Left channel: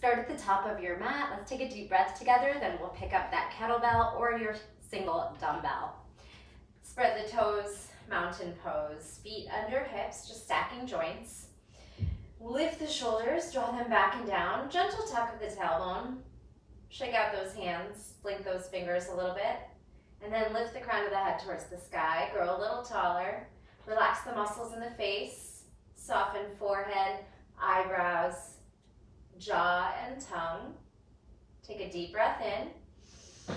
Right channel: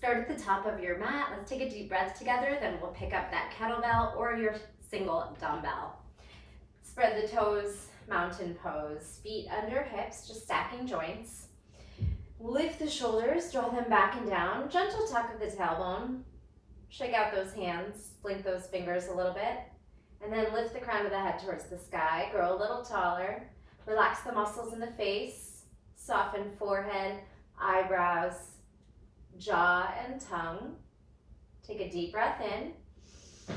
Start at the top of your mat. Let's take a deep breath together, then we'll pick up that kettlebell or your single dumbbell. Spread the toes, mountain pose, feet under hips, just stacking joints. Lift the shoulders, draw them back and down, gentle tuck of the tailbone. Shake out those hands, blink those fingers a little bit, and then lift the crown of the head towards the sky, grow a little taller. Relax the muscles in the face, soften forehead, eyebrows, jaw, and tongue. Take a deep breath in,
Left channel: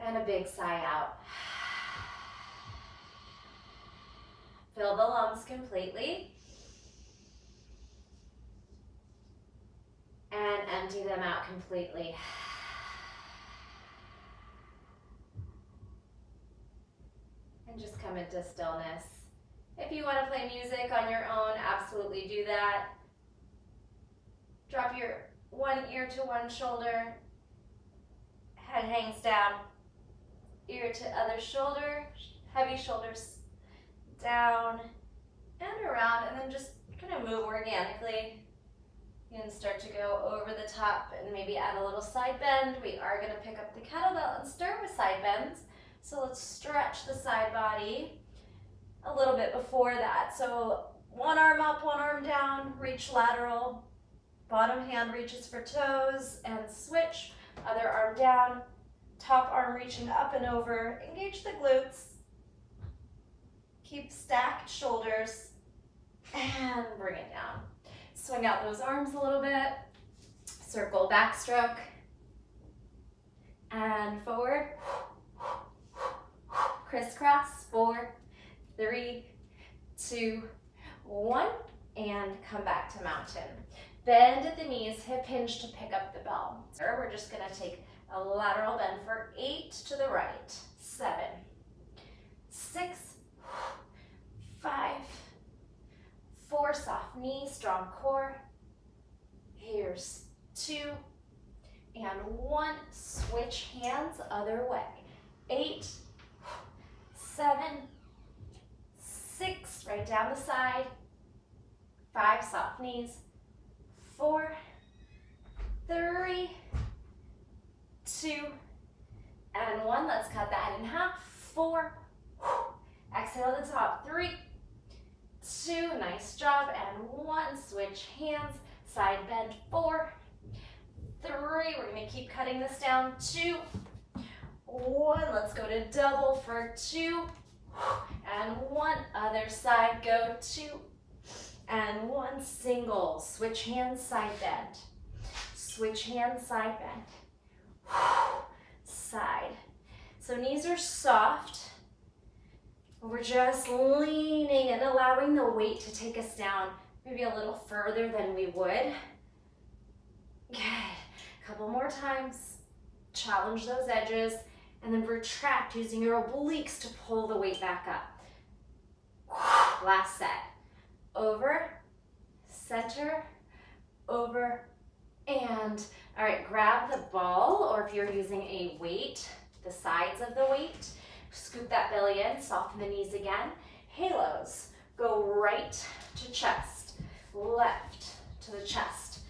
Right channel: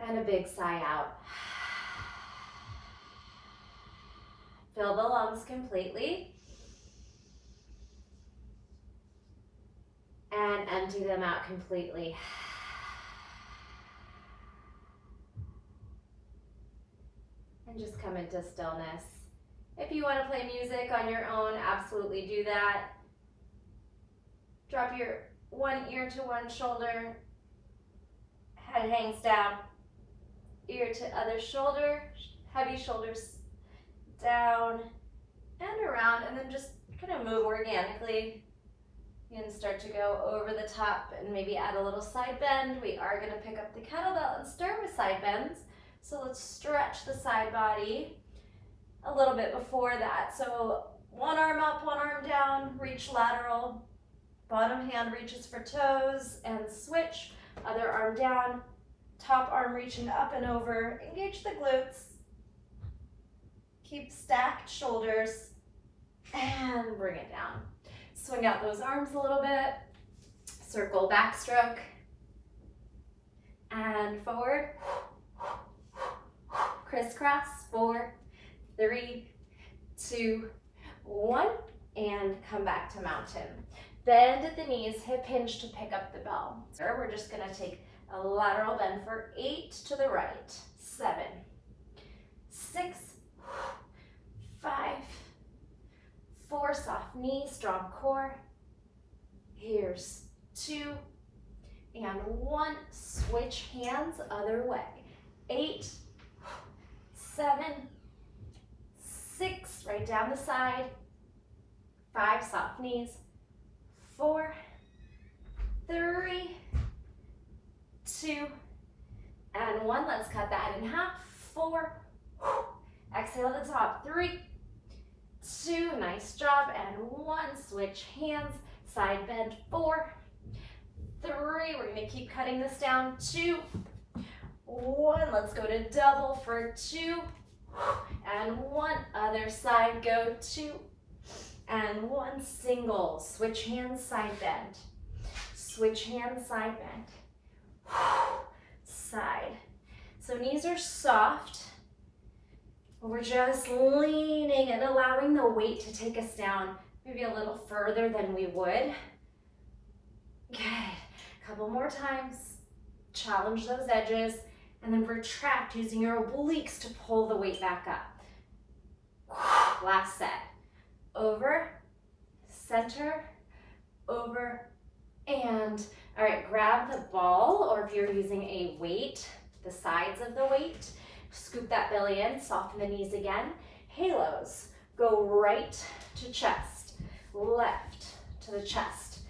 and a big sigh out. Fill the lungs completely, and empty them out completely. And just come into stillness. If you want to play music on your own, absolutely do that. Drop your one ear to one shoulder, head hangs down, ear to other shoulder, heavy shoulders down and around, and then just kind of move organically. You can start to go over the top and maybe add a little side bend. We are going to pick up the kettlebell and start with side bends. So let's stretch the side body a little bit before that. So one arm up, one arm down, reach lateral. Bottom hand reaches for toes and switch. Other arm down, top arm reaching up and over. Engage the glutes. Keep stacked shoulders and bring it down. Swing out those arms a little bit. Circle backstroke and forward. Crisscross, 4, 3, 2, 1, and come back to mountain. Bend at the knees, hip hinge to pick up the bell. We're just gonna take a lateral bend for 8 to the right, 7, 6, 5, 4, soft knees, strong core. Here's 2 and 1, switch hands other way. 8, 7, 6, right down the side. 5, soft knees. 4, 3, 2, and 1. Let's cut that in half. 4, exhale at the top. 3, 2, nice job, and 1. Switch hands, side bend. 4, 3, we're gonna keep cutting this down. 2, 1, let's go to double for 2, and 1, other side, go 2, and 1, single, switch hands, side bend, switch hands, side bend, side. So knees are soft, we're just leaning and allowing the weight to take us down maybe a little further than we would. Good, a couple more times, challenge those edges, and then retract using your obliques to pull the weight back up. Last set. Over, center, over, and all right, grab the ball, or if you're using a weight, the sides of the weight, scoop that belly in, soften the knees again. Halos, go right to chest, left to the chest,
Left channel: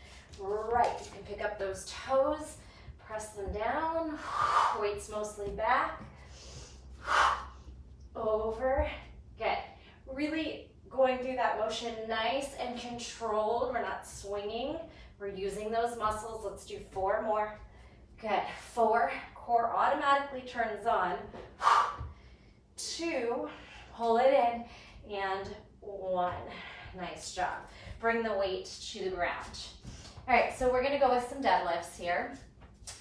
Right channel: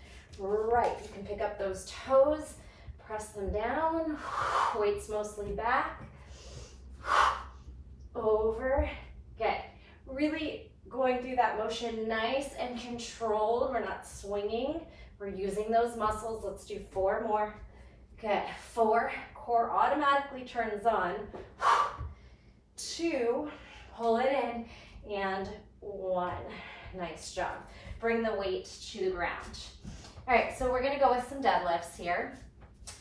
right. You can pick up those toes, press them down, weights mostly back, over, good. Really going through that motion nice and controlled. We're not swinging, we're using those muscles. Let's do 4 more. Good, 4, core automatically turns on. 2, pull it in, and 1. Nice job. Bring the weight to the ground. All right, so we're gonna go with some deadlifts here.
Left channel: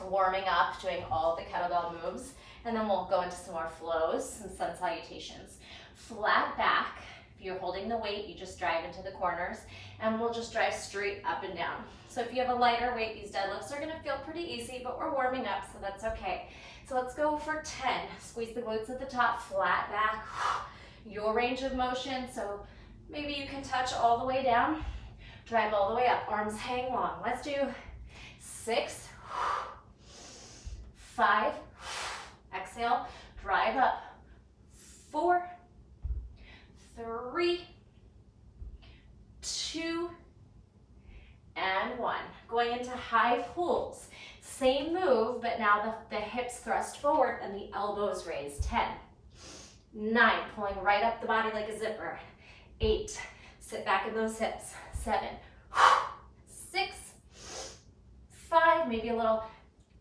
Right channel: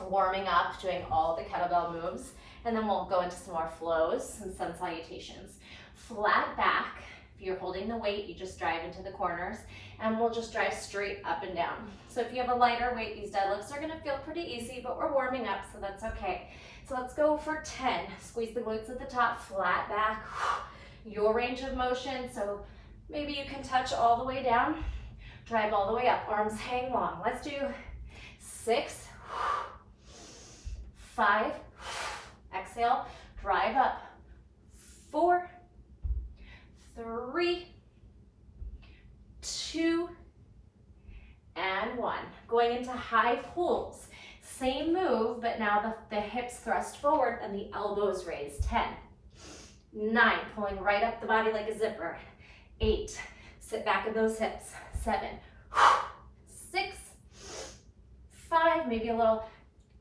Warming up, doing all the kettlebell moves, and then we'll go into some more flows and sun salutations. Flat back. If you're holding the weight, you just drive into the corners, and we'll just drive straight up and down. So if you have a lighter weight, these deadlifts are gonna feel pretty easy, but we're warming up, so that's okay. So let's go for 10. Squeeze the glutes at the top, flat back. Your range of motion, so maybe you can touch all the way down, drive all the way up, arms hang long. Let's do 6, 5, exhale, drive up, 4, 3, 2, and 1. Going into high pulls. Same move, but now the hips thrust forward and the elbows raised. 10, 9, pulling right up the body like a zipper. 8, sit back in those hips. 7, 6, 5, maybe a little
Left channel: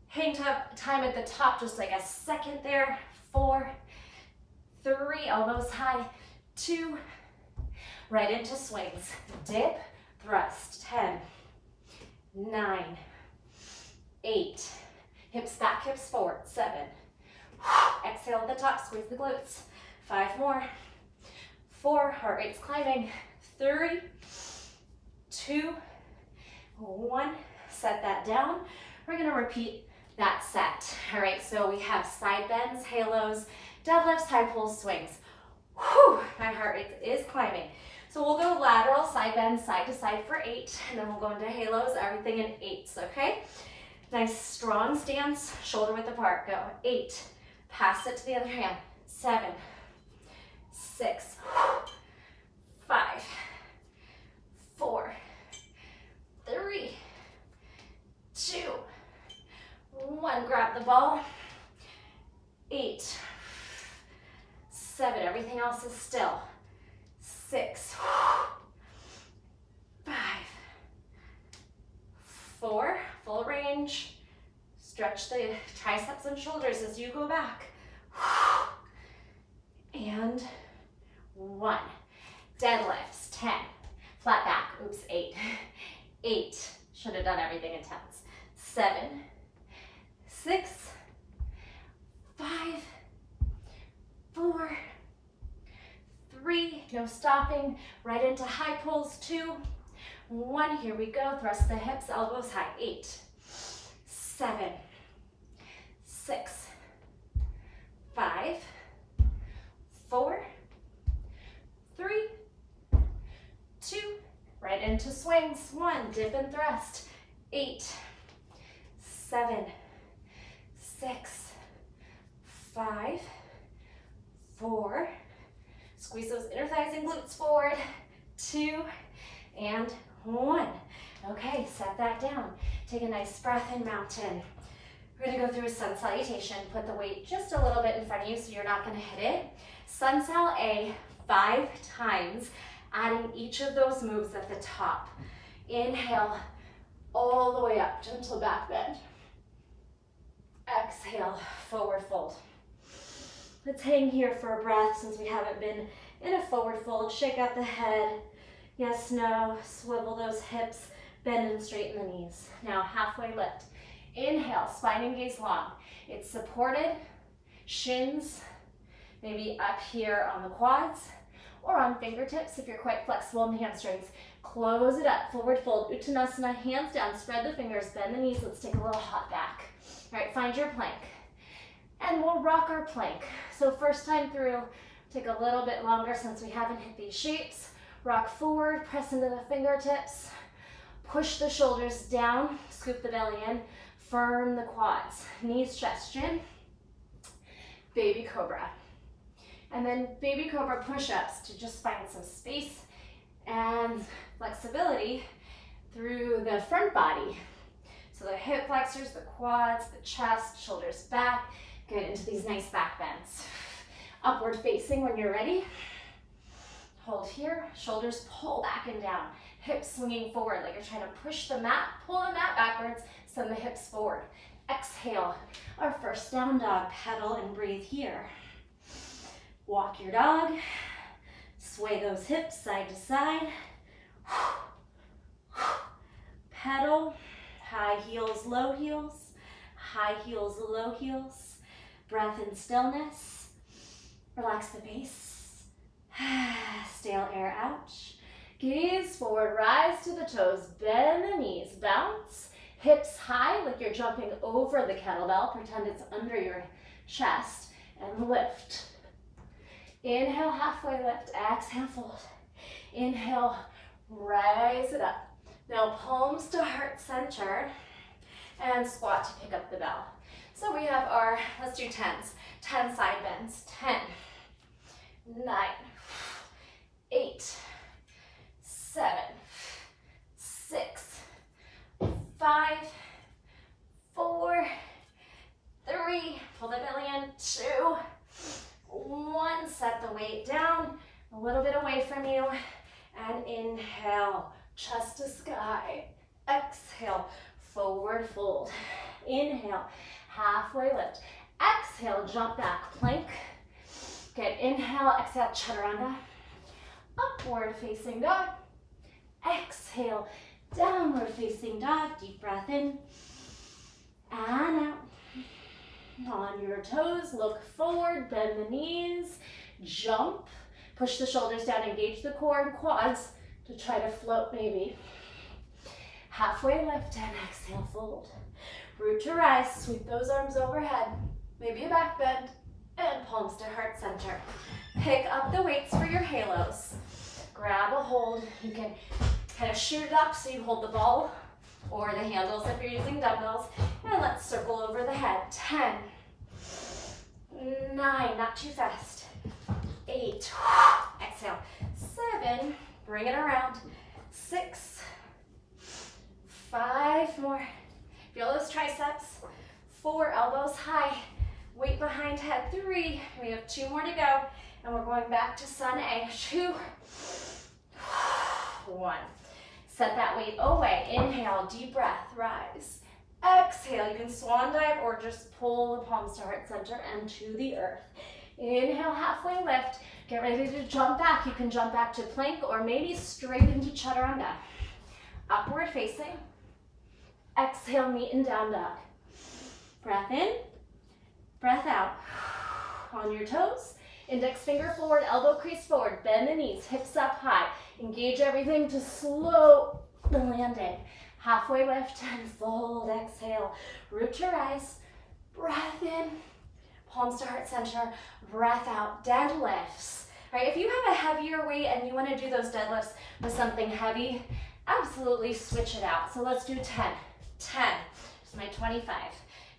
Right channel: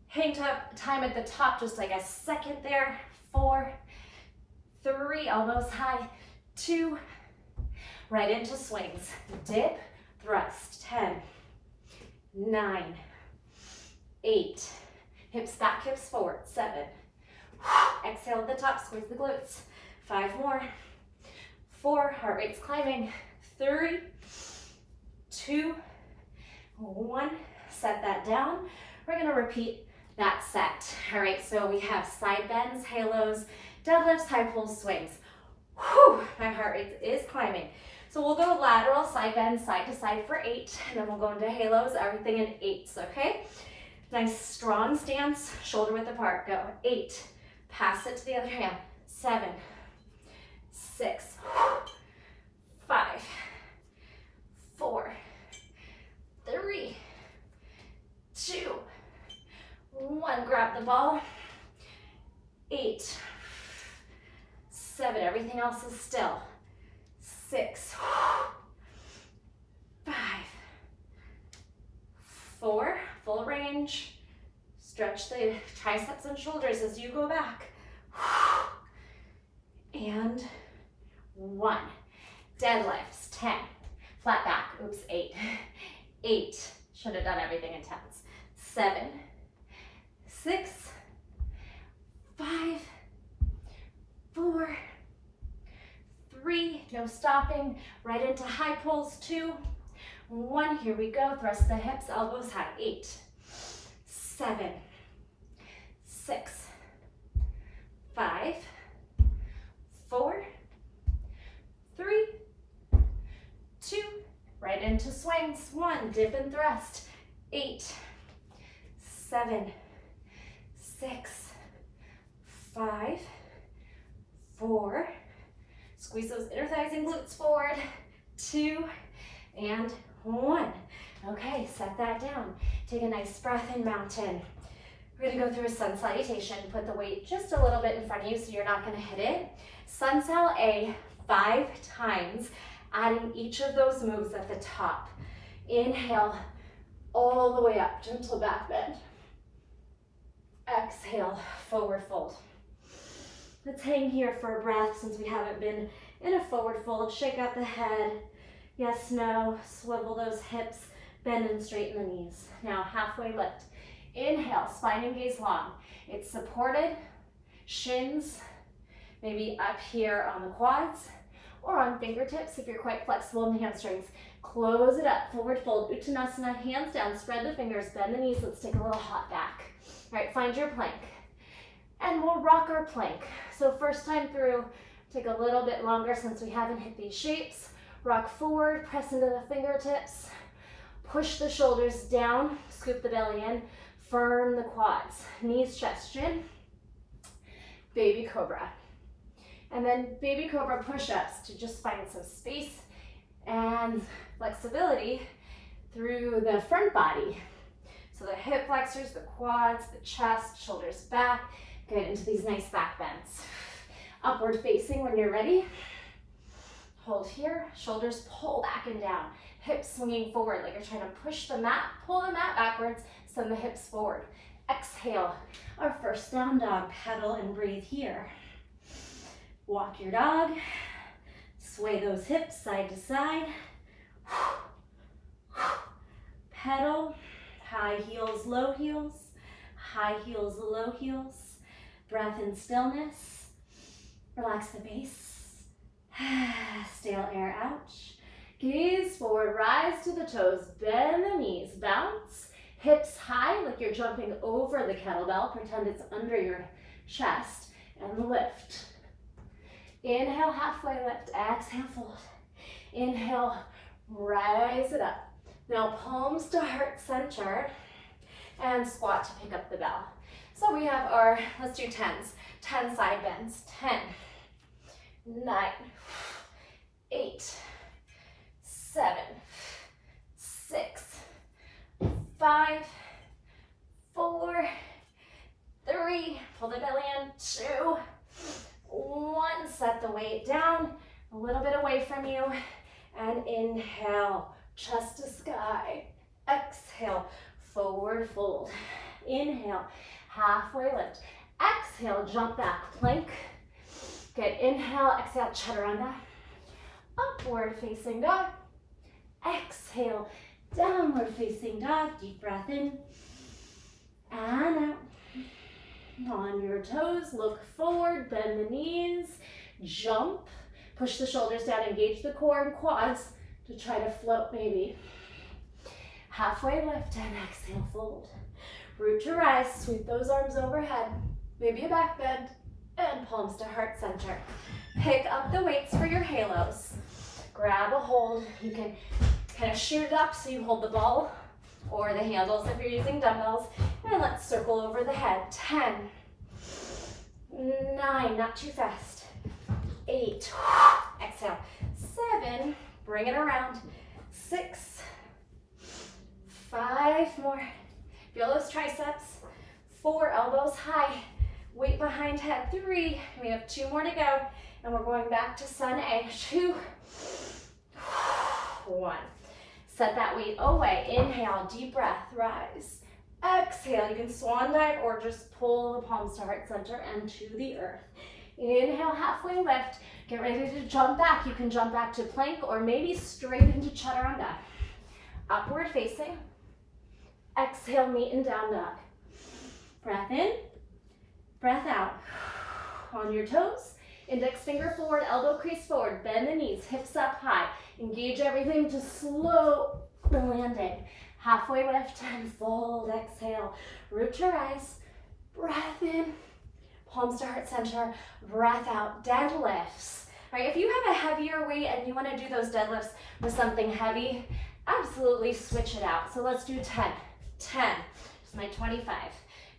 hang time at the top, just like a second there. 4, 3, elbows high. 2, right into swings. Dip, thrust. 10, 9, 8, hips back, hips forward. 7, exhale at the top, squeeze the glutes. 5 more. 4, heart rate's climbing. 3, 2, 1, set that down. We're gonna repeat that set. All right, so we have side bends, halos, deadlifts, high pulls, swings. Whew, my heart rate is climbing. So we'll go lateral side bends, side to side for 8, and then we'll go into halos, everything in 8s, okay? Nice strong stance, shoulder width apart. Go. 8, pass it to the other hand. 7, 6, 5, 4, 3, 2, 1. Grab the ball. 8, 7, everything else is still. 6, 5, 4, full range. Stretch the triceps and shoulders as you go back. And 1. Deadlifts, 10. Flat back, oops, 8. 8, should have done everything in 10s. 7, 6, 5, 4, 3, no stopping, right into high pulls. 2, 1, here we go, thrust the hips, elbows high. 8, 7, 6, 5, 4, 3, 2, right into swings. 1, dip and thrust. 8, 7, 6, 5, 4, squeeze those inner thighs and glutes forward. 2, and 1. Okay, set that down. Take a nice breath in, mountain. We're gonna go through a sun salutation. Put the weight just a little bit in front of you so you're not gonna hit it. Sun sal A 5 times, adding each of those moves at the top. Inhale, all the way up, gentle back bend. Exhale, forward fold. Let's hang here for a breath since we haven't been in a forward fold. Shake out the head. Yes, no, swivel those hips, bend and straighten the knees. Now, halfway lift. Inhale, spine and gaze long. It's supported, shins, maybe up here on the quads, or on fingertips if you're quite flexible in the hamstrings. Close it up, forward fold, Uttanasana, hands down, spread the fingers, bend the knees. Let's take a little hop back. All right, find your plank. And we'll rock our plank. So first time through, take a little bit longer since we haven't hit these shapes. Rock forward, press into the fingertips, push the shoulders down, scoop the belly in, firm the quads, knees, chest, chin, baby cobra. And then baby cobra push-ups to just find some space and flexibility through the front body. So the hip flexors, the quads, the chest, shoulders back, get into these nice back bends. Upward facing when you're ready. Hold here, shoulders pull back and down, hips swinging forward like you're trying to push the mat, pull the mat backwards, send the hips forward. Exhale, our first down dog, pedal and breathe here. Walk your dog, sway those hips side to side. Pedal, high heels, low heels, high heels, low heels. Breath and stillness. Relax the base. Stale air out. Gaze forward, rise to the toes, bend the knees, bounce. Hips high like you're jumping over the kettlebell. Pretend it's under your chest and lift. Inhale, halfway lift. Exhale, fold. Inhale, rise it up. Now palms to heart center and squat to pick up the bell. So we have our, let's do 10s. 10 side bends. 10, 9, 8, 7, 6, 5, 4, 3, pull the belly in, 2, 1, set the weight down, a little bit away from you, and inhale, chest to sky, exhale, forward fold, inhale, halfway lift, exhale, jump back, plank, good, inhale, exhale, chaturanga, upward facing dog, exhale, downward facing dog, deep breath in, and out. On your toes, look forward, bend the knees, jump, push the shoulders down, engage the core and quads to try to float maybe. Halfway lift and exhale, fold. Root to rise, sweep those arms overhead, maybe a back bend, and palms to heart center. Pick up the weights for your halos. Grab a hold, you can kind of shoot it up so you hold the ball or the handles if you're using dumbbells, and let's circle over the head. 10, 9, not too fast, 8, exhale, 7, bring it around, 6, 5 more, feel those triceps, 4, elbows high, weight behind head, 3, we have 2 more to go, and we're going back to sun A, 2, 1. Set that weight away. Inhale, deep breath, rise. Exhale, you can swan dive or just pull the palms to heart center and to the earth. Inhale, halfway lift. Get ready to jump back. You can jump back to plank or maybe straight into chaturanga. Upward facing. Exhale, meet in down dog. Breath in, breath out. On your toes, index finger forward, elbow crease forward, bend the knees, hips up high. Engage everything to slow the landing. Halfway lift and fold, exhale. Root to rise, breath in, palms to heart center, breath out, deadlifts. Right, if you have a heavier weight and you want to do those deadlifts with something heavy, absolutely switch it out. So let's do 10, 10, just my 25,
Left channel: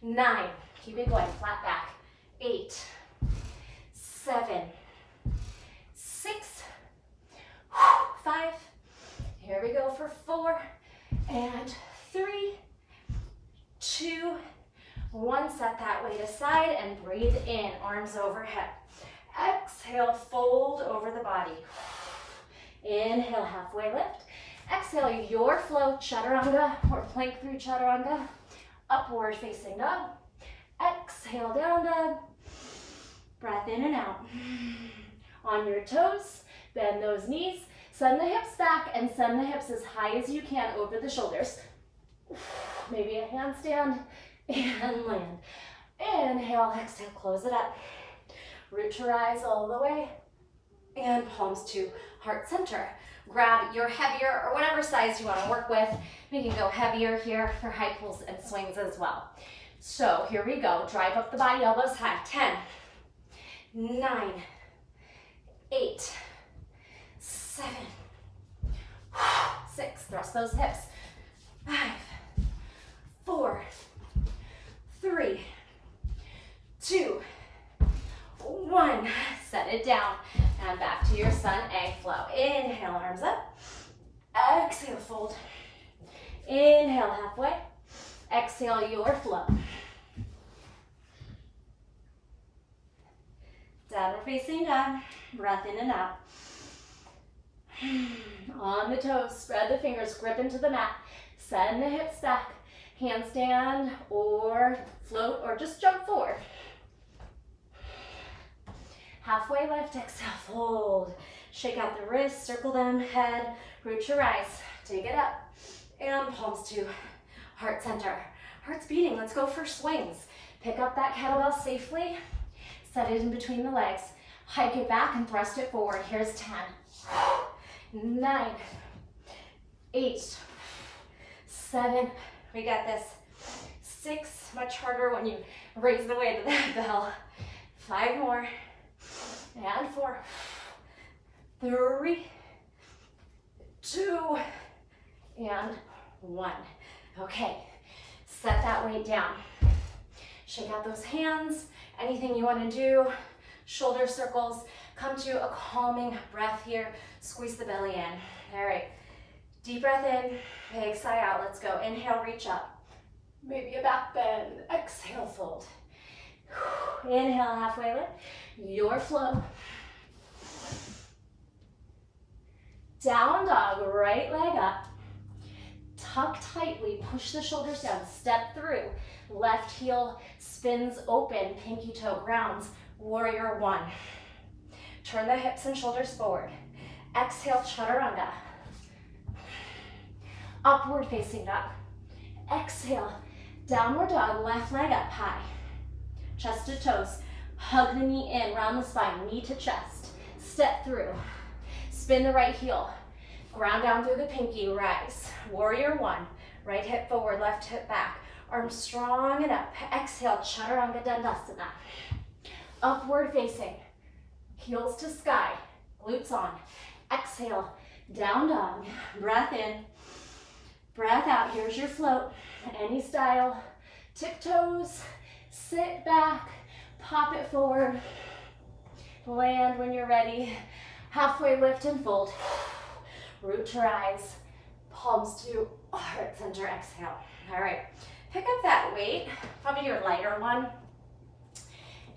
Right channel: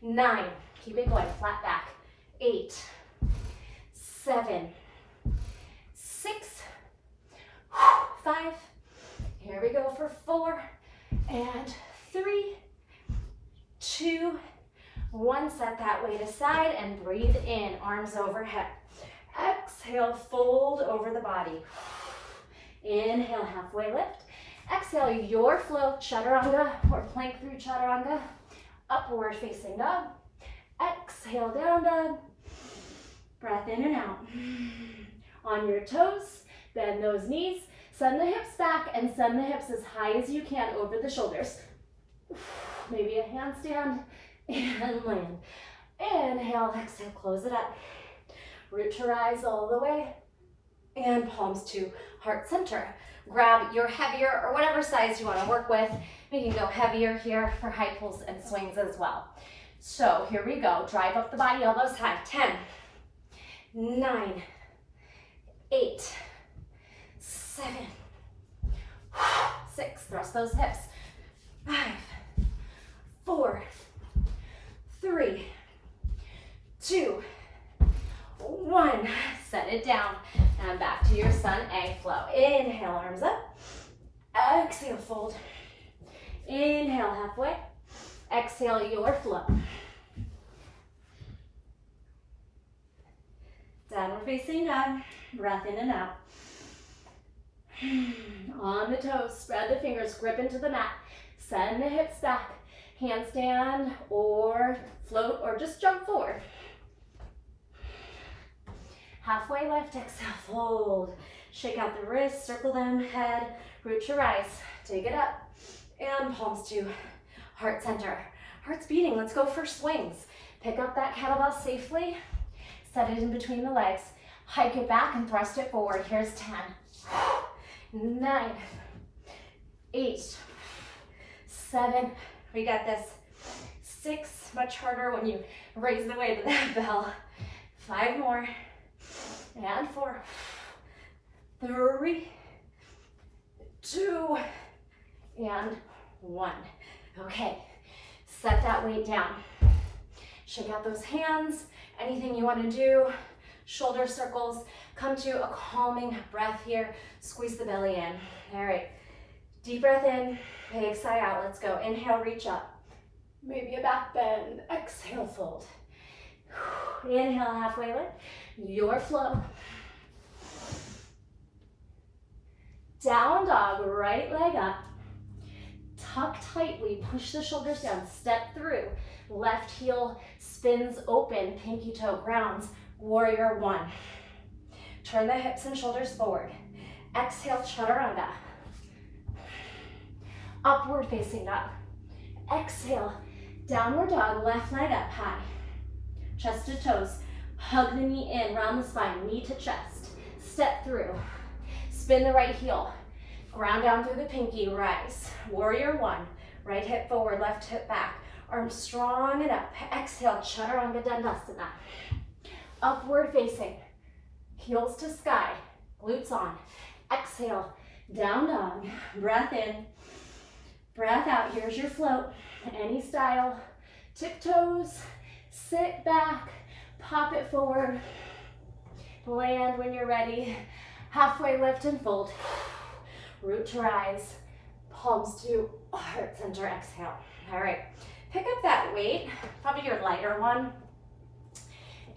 9, keep it going, flat back, 8, 7, 6, 5, here we go for 4, and 3, 2, 1, set that weight aside and breathe in, arms overhead. Exhale, fold over the body. Inhale, halfway lift. Exhale, your flow, chaturanga or plank through chaturanga. Upward facing dog. Exhale, down dog. Breath in and out. On your toes, bend those knees. Send the hips back and send the hips as high as you can over the shoulders. Maybe a handstand and land. Inhale, exhale, close it up. Root to rise all the way. And palms to heart center. Grab your heavier or whatever size you want to work with. We can go heavier here for high pulls and swings as well. So here we go. Drive up the body, elbows high. 10, 9, 8, 7, 6, thrust those hips, 5, 4, 3, 2, 1, set it down, and back to your sun A flow. Inhale, arms up, exhale, fold, inhale, halfway, exhale, your flow. Downward facing dog, breath in and out. On the toes, spread the fingers, grip into the mat, send the hips back, handstand or float or just jump forward. Halfway lift, exhale, fold. Shake out the wrists, circle them, head, root to rise. Take it up, and palms to heart center. Heart's beating, let's go for swings. Pick up that kettlebell safely, set it in between the legs, hike it back and thrust it forward. Here's 10, 9, 8, 7, we got this, 6, much harder when you raise the weight of that bell, 5 more, and 4, 3, 2, and 1. Okay, set that weight down. Shake out those hands, anything you want to do, shoulder circles, come to a calming breath here, squeeze the belly in. All right, Deep breath in, big sigh out. Let's go. Inhale, reach up. Maybe a back bend. Exhale, fold. Inhale, halfway lift. Your flow. Down dog, right leg up. Tuck tightly, push the shoulders down, step through. Left heel spins open, pinky toe grounds. Warrior one. Turn the hips and shoulders forward. Exhale, chaturanga. Upward facing dog. Exhale, downward dog, left leg up high. Chest to toes. Hug the knee in, round the spine, knee to chest. Step through. Spin the right heel. Ground down through the pinky, rise. Warrior one. Right hip forward, left hip back. Arms strong and up. Exhale, chaturanga dandasana. Upward facing. Heels to sky. Glutes on. Exhale, down dog. Breath in. Breath out. Here's your float. Any style. Tiptoes. Sit back. Pop it forward. Land when you're ready. Halfway lift and fold. Root to rise. Palms to heart center. Exhale. All right. Pick up that weight, probably your lighter one.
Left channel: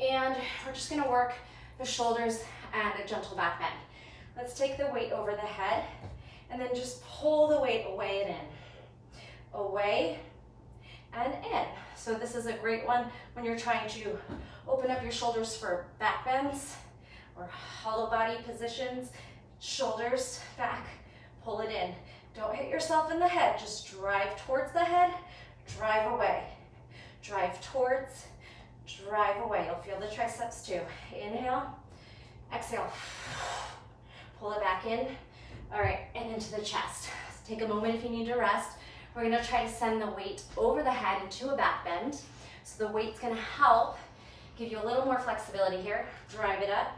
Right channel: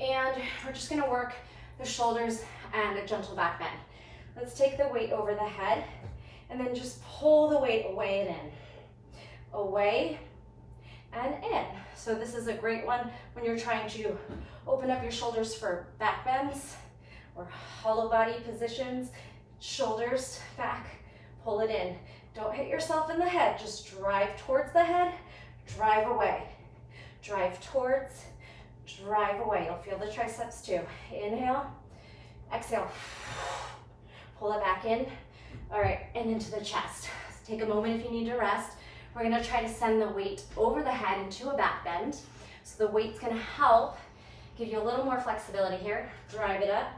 And we're just gonna work the shoulders and a gentle back bend. Let's take the weight over the head and then just pull the weight away and in. Away and in. So this is a great one when you're trying to open up your shoulders for back bends or hollow body positions. Shoulders back, pull it in. Don't hit yourself in the head, just drive towards the head, drive away. Drive towards, drive away. You'll feel the triceps too. Inhale, exhale. Pull it back in. All right, and into the chest. Take a moment if you need to rest. We're gonna try to send the weight over the head into a back bend. So the weight's gonna help give you a little more flexibility here. Drive it up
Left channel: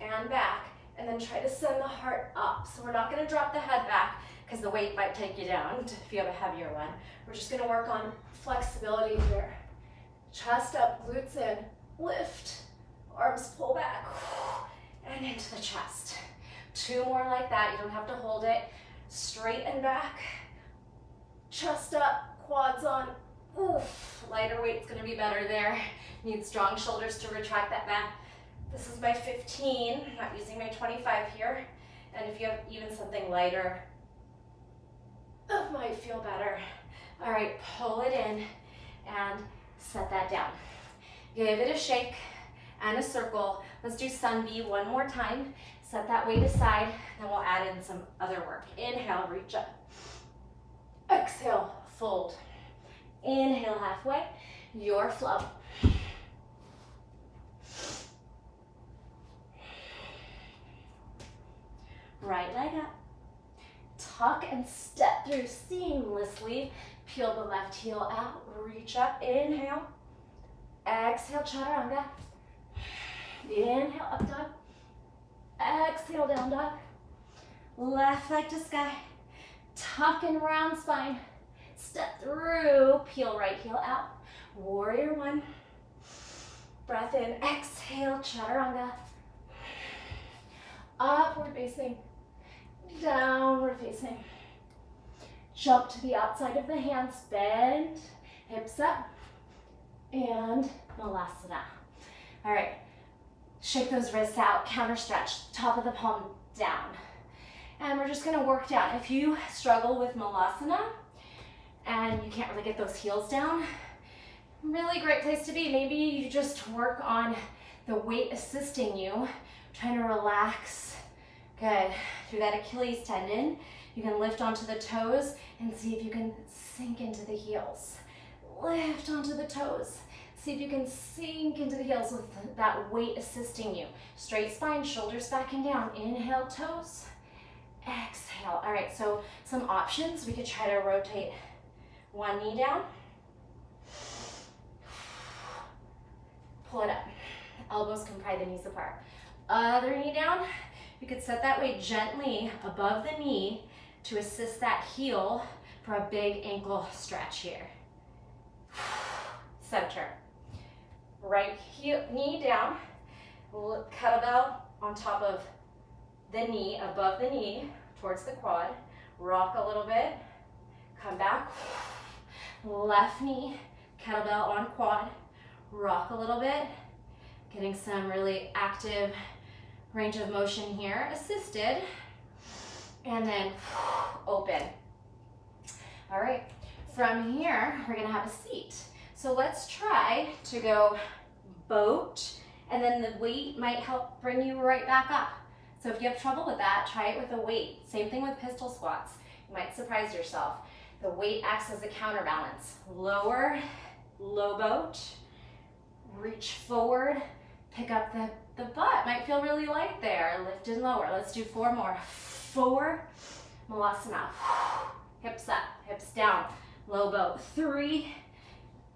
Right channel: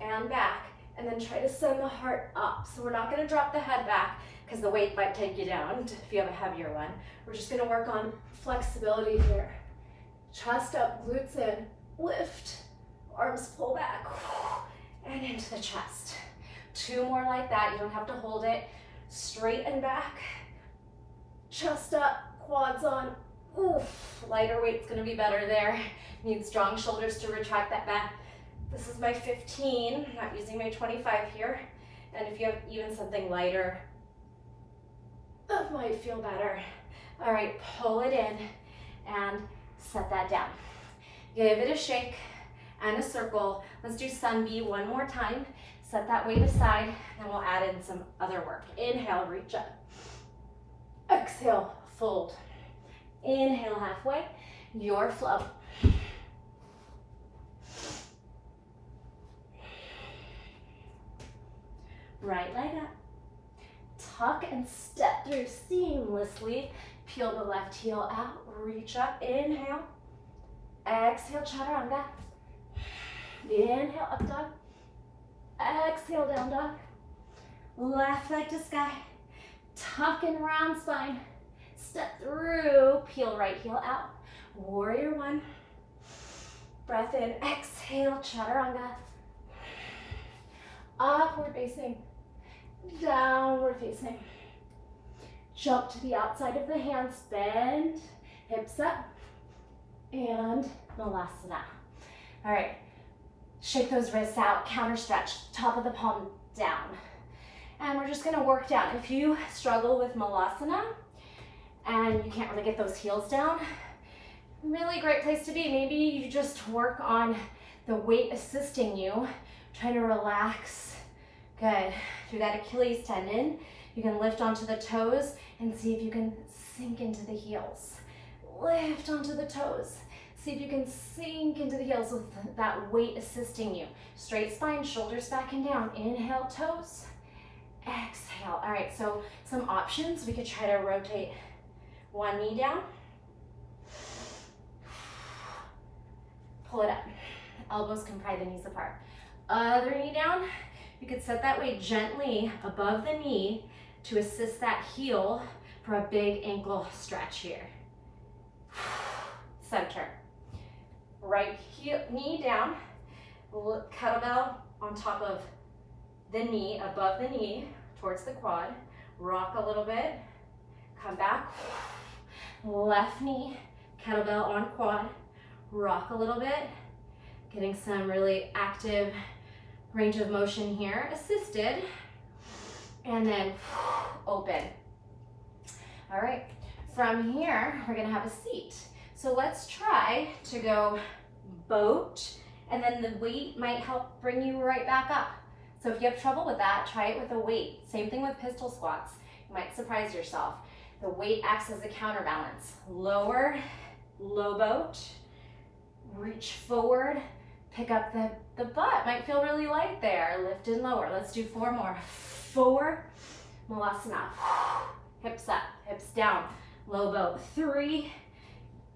and back, and then try to send the heart up. So we're not gonna drop the head back because the weight might take you down if you have a heavier one. We're just gonna work on flexibility here. Chest up, glutes in, lift, arms pull back, and into the chest. Two more like that, you don't have to hold it. Straight and back, chest up, quads on. Oof, lighter weight's gonna be better there. Need strong shoulders to retract that back. This is my 15, I'm not using my 25 here. And if you have even something lighter, that might feel better. All right, pull it in and set that down. Give it a shake and a circle. Let's do sun B one more time. Set that weight aside, then we'll add in some other work. Inhale, reach up. Exhale, fold. Inhale, halfway, your flow. Right leg up. Tuck and step through seamlessly. Peel the left heel out, reach up, inhale. Exhale, chaturanga. Inhale, up dog. Exhale, down dog. Left leg to sky. Tuck and round spine. Step through, peel right heel out. Warrior one. Breath in, exhale, chaturanga. Upward facing, downward facing. Jump to the outside of the hands, bend, hips up, and Malasana. All right, shake those wrists out, counter stretch, top of the palm down. And we're just gonna work down. If you struggle with Malasana and you can't really get those heels down, really great place to be. Maybe you just work on the weight assisting you, trying to relax, good, through that Achilles tendon. You can lift onto the toes and see if you can sink into the heels. Lift onto the toes. See if you can sink into the heels with that weight assisting you. Straight spine, shoulders back and down. Inhale, toes. Exhale. All right, so some options. We could try to rotate one knee down. Pull it up. Elbows can pry the knees apart. Other knee down. You could set that weight gently above the knee to assist that heel for a big ankle stretch here. Center. Right heel, knee down. Kettlebell on top of the knee, above the knee, towards the quad. rock a little bit, come back, left knee, kettlebell on quad, rock a little bit, getting some really active range of motion here, assisted, and then open. All right, from here, we're gonna have a seat. So let's try to go boat, and then the weight might help bring you right back up. So if you have trouble with that, try it with a weight. Same thing with pistol squats. You might surprise yourself. The weight acts as a counterbalance. Lower, low boat, reach forward, pick up the butt. Might feel really light there. Lift and lower. Let's do 4 more. 4, malasana. Hips up, hips down, low boat. 3,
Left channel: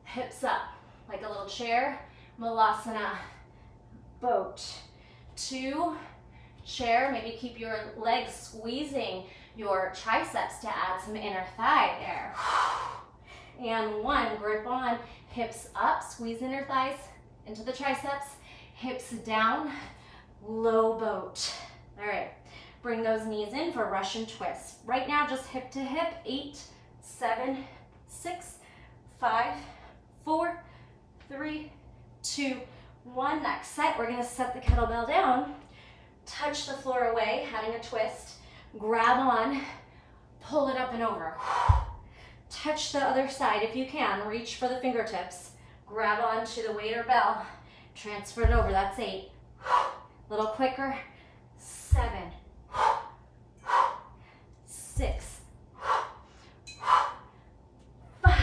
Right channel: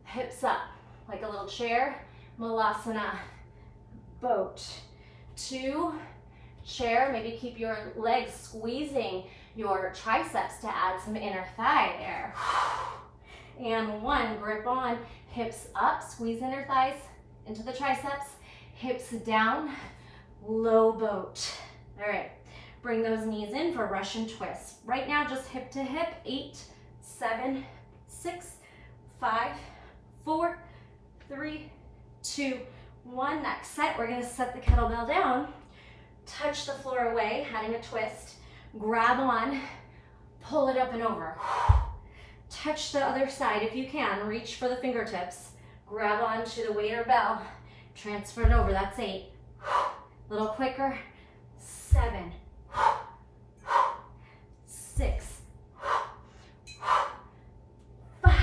hips up, like a little chair, malasana, boat. 2, chair, maybe keep your legs squeezing your triceps to add some inner thigh there. And 1, grip on, hips up, squeeze inner thighs into the triceps, hips down, low boat. All right, bring those knees in for Russian twist. Right now, just hip to hip, 8, 7, 6, 5, 4, 3, 2, 1. Next set, we're gonna set the kettlebell down, touch the floor away, adding a twist, grab on, pull it up and over. Touch the other side if you can, reach for the fingertips, grab onto the weight or bell, transfer it over, that's 8. A little quicker, 7, 6, 5,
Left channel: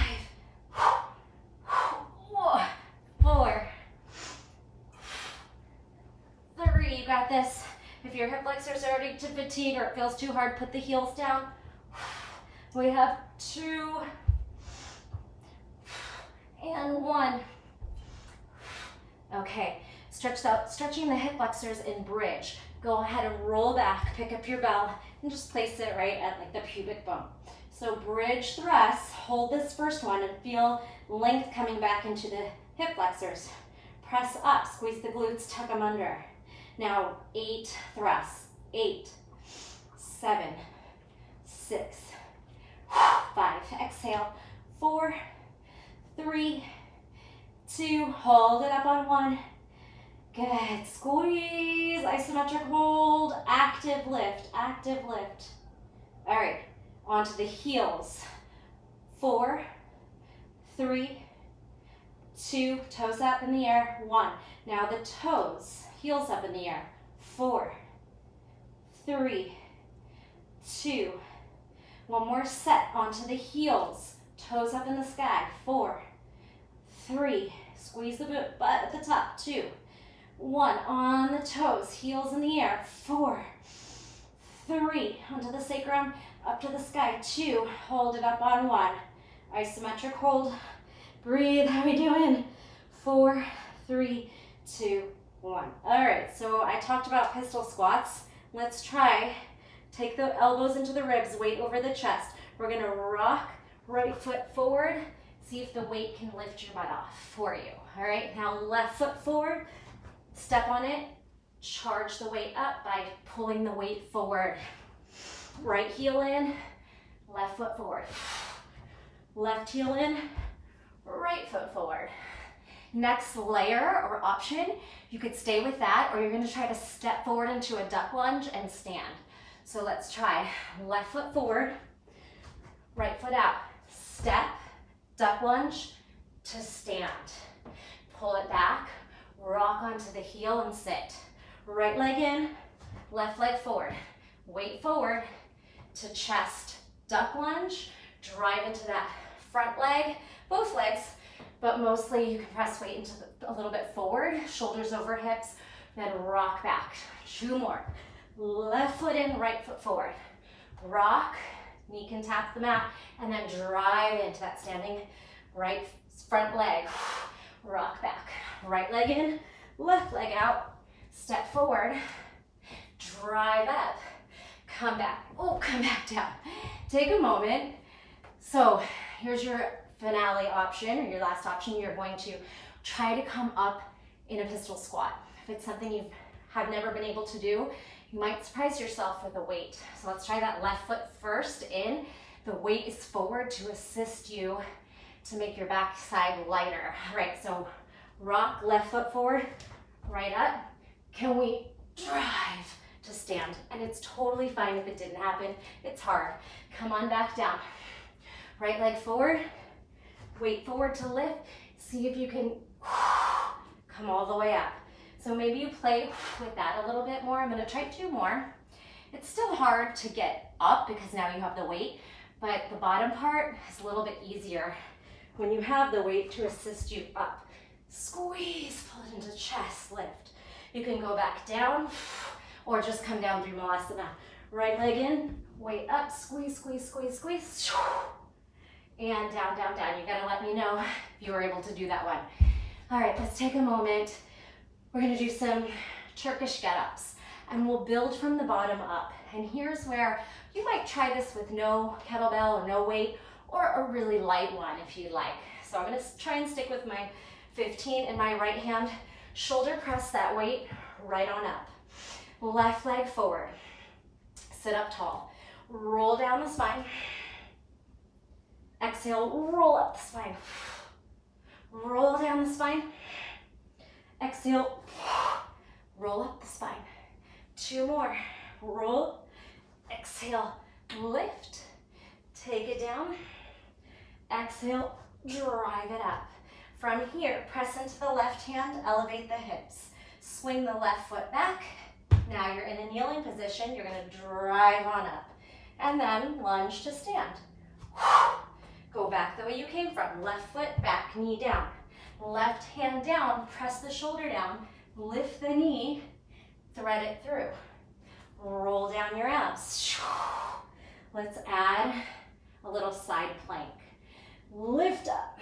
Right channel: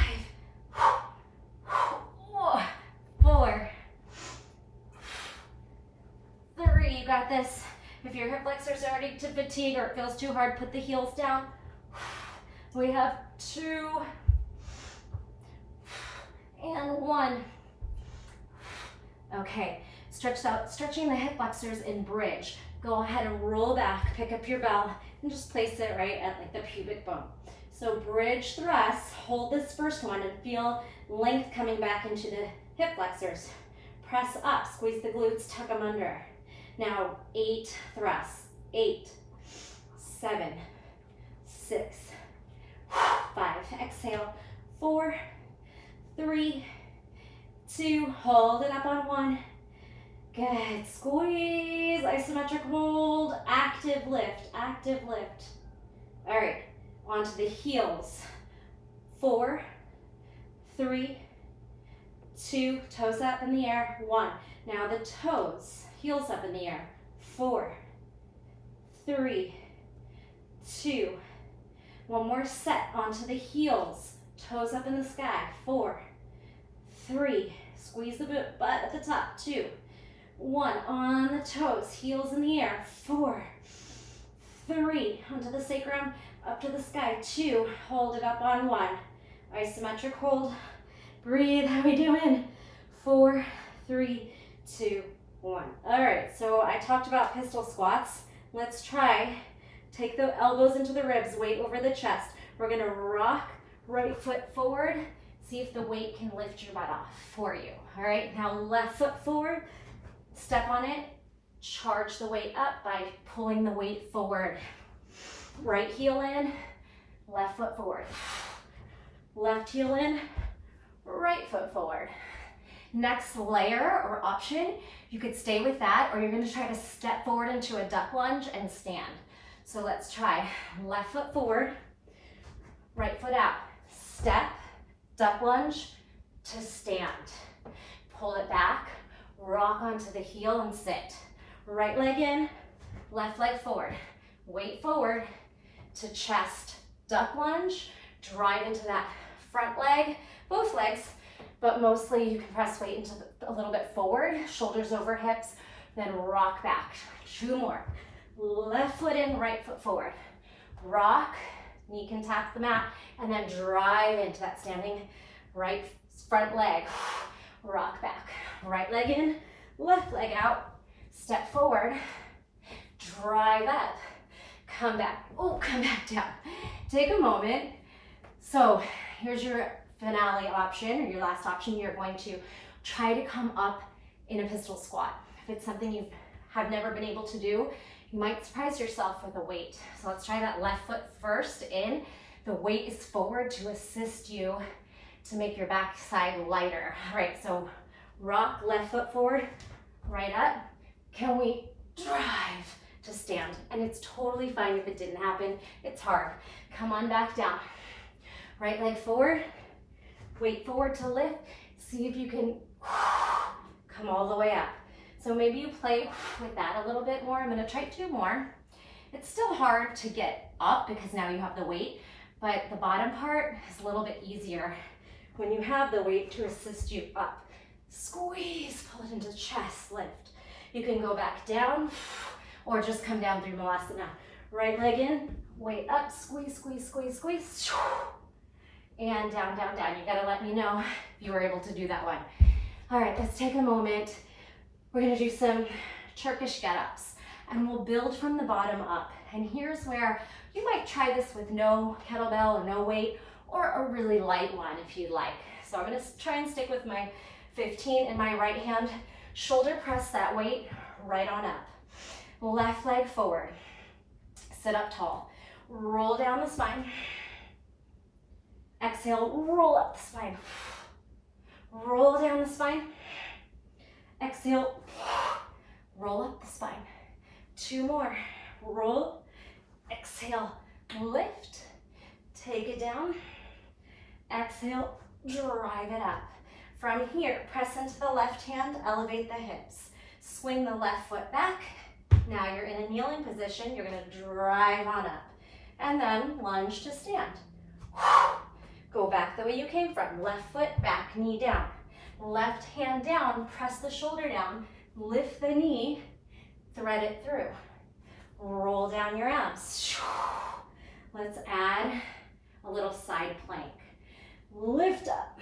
4, 3, you got this. If your hip flexors are already to fatigue or it feels too hard, put the heels down. We have 2 and 1. Okay, stretching the hip flexors in bridge. Go ahead and roll back, pick up your bell, and just place it right at like the pubic bone. So bridge thrusts, hold this first one and feel length coming back into the hip flexors. Press up, squeeze the glutes, tuck them under. Now 8 thrusts, 8, 7, 6, 5, exhale, 4, 3, 2, hold it up on 1. Good, squeeze, isometric hold, active lift, active lift. All right, onto the heels. 4, 3, 2, toes up in the air, 1. Now the toes, heels up in the air, 4, 3, 2. One more set onto the heels, toes up in the sky, 4, 3, squeeze the butt at the top, 2, 1, on the toes, heels in the air, 4, 3, onto the sacrum, up to the sky, 2, hold it up on 1, isometric hold, breathe, how we doing? 4, 3, 2, 1. All right, so I talked about pistol squats. Let's try, take the elbows into the ribs, weight over the chest. We're gonna rock right foot forward, see if the weight can lift your butt off for you. All right, now left foot forward, step on it, charge the weight up by pulling the weight forward. Right heel in, left foot forward. Left heel in, right foot forward. Next layer or option, you could stay with that, or you're gonna try to step forward into a duck lunge and stand. So let's try left foot forward, right foot out. Step, duck lunge to stand. Pull it back, rock onto the heel and sit. Right leg in, left leg forward. Weight forward to chest, duck lunge, drive into that front leg, both legs, but mostly you can press weight into a little bit forward, shoulders over hips, then rock back. 2 more. Left foot in, right foot forward. Rock, knee can tap the mat, and then drive into that standing right front leg. Rock back. Right leg in, left leg out, step forward, drive up, come back. Oh, come back down. Take a moment. So here's your finale option, or your last option. You're going to try to come up in a pistol squat. If it's something you have never been able to do, You might surprise yourself with a weight. So let's try that left foot first in. The weight is forward to assist you to make your back side lighter. All right, so rock, left foot forward, right up. Can we drive to stand? And it's totally fine if it didn't happen. It's hard. Come on back down. Right leg forward, weight forward to lift. See if you can come all the way up. So maybe you play with that a little bit more. I'm gonna try 2 more. It's still hard to get up because now you have the weight, but the bottom part is a little bit easier when you have the weight to assist you up. Squeeze, pull it into the chest, lift. You can go back down or just come down through Malasana. Right leg in, weight up, squeeze, squeeze, squeeze, squeeze. And down, down, down. You gotta let me know if you were able to do that one. All right, let's take a moment. We're gonna do some Turkish get-ups and we'll build from the bottom up. And here's where you might try this with no kettlebell or no weight or a really light one if you'd like. So I'm gonna try and stick with my 15 in my right hand. Shoulder press that weight right on up. Left leg forward. Sit up tall. Roll down the spine. Exhale, roll up the spine. Roll down the spine. Exhale, roll up the spine. 2 more. Roll, exhale, lift. Take it down. Exhale, drive it up. From here, press into the left hand, elevate the hips. Swing the left foot back. Now you're in a kneeling position. You're gonna drive on up. And then lunge to stand. Go back the way you came from. Left foot back, knee down. Left hand down, press the shoulder down, lift the knee, thread it through. Roll down your abs. Let's add a little side plank. Lift up.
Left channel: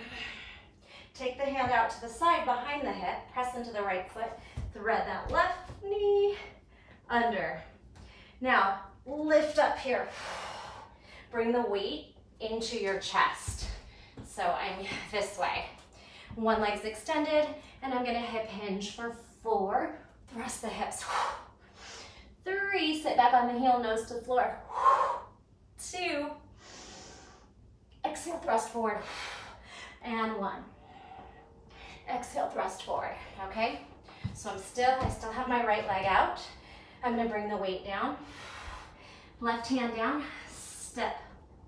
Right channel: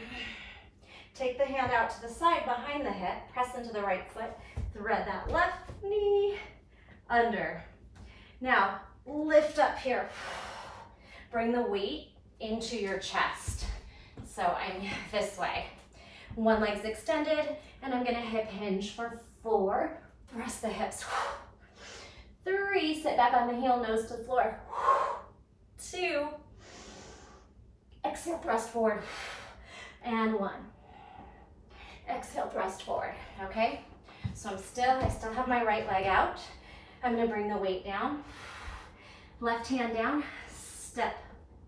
Take the hand out to the side behind the hip, press into the right foot, thread that left knee under. Now, lift up here. Bring the weight into your chest. So I'm this way. One leg's extended, and I'm gonna hip hinge for 4. Thrust the hips. 3, sit back on the heel, nose to the floor. 2, exhale, thrust forward. And 1. Exhale, thrust forward, okay? So I still have my right leg out. I'm gonna bring the weight down. Left hand down, step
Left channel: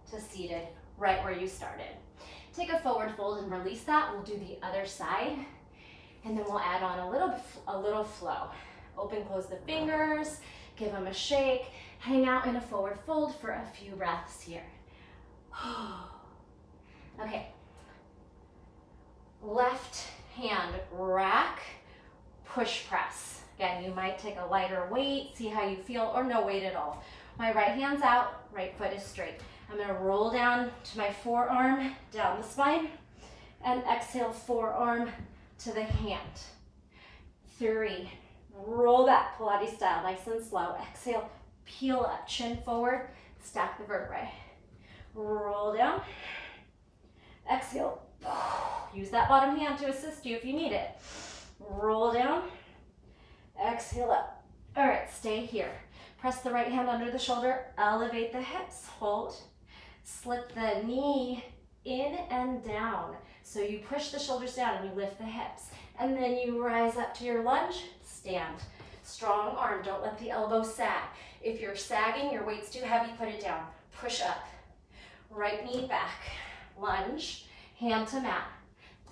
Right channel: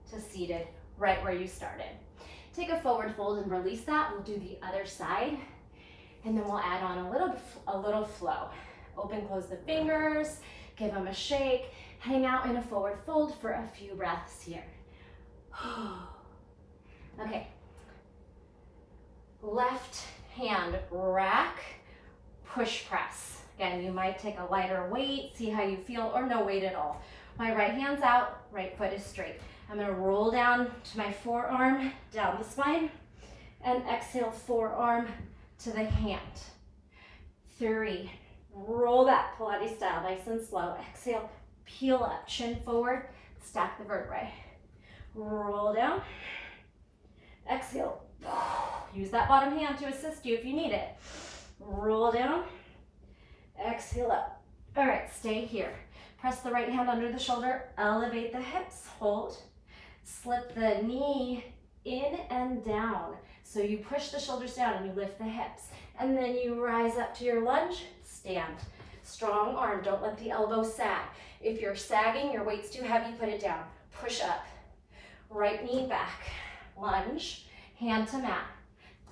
to seated, right where you started. Take a forward fold and release that. We'll do the other side, and then we'll add on a little flow. Open, close the fingers, give them a shake, hang out in a forward fold for a few breaths here. Okay. Left hand rack, push press. Again, you might take a lighter weight, see how you feel, or no weight at all. My right hand's out, right foot is straight. I'm gonna roll down to my forearm, down the spine, and exhale, forearm to the hand. 3, roll back, Pilates style, nice and slow. Exhale, peel up, chin forward, stack the vertebrae. Roll down, exhale, use that bottom hand to assist you if you need it. Roll down, exhale up. All right, stay here. Press the right hand under the shoulder, elevate the hips, hold. Slip the knee in and down. So you push the shoulders down and you lift the hips. And then you rise up to your lunge, stand. Strong arm, don't let the elbow sag. If you're sagging, your weight's too heavy, put it down. Push up. Right knee back. Lunge, hand to mat.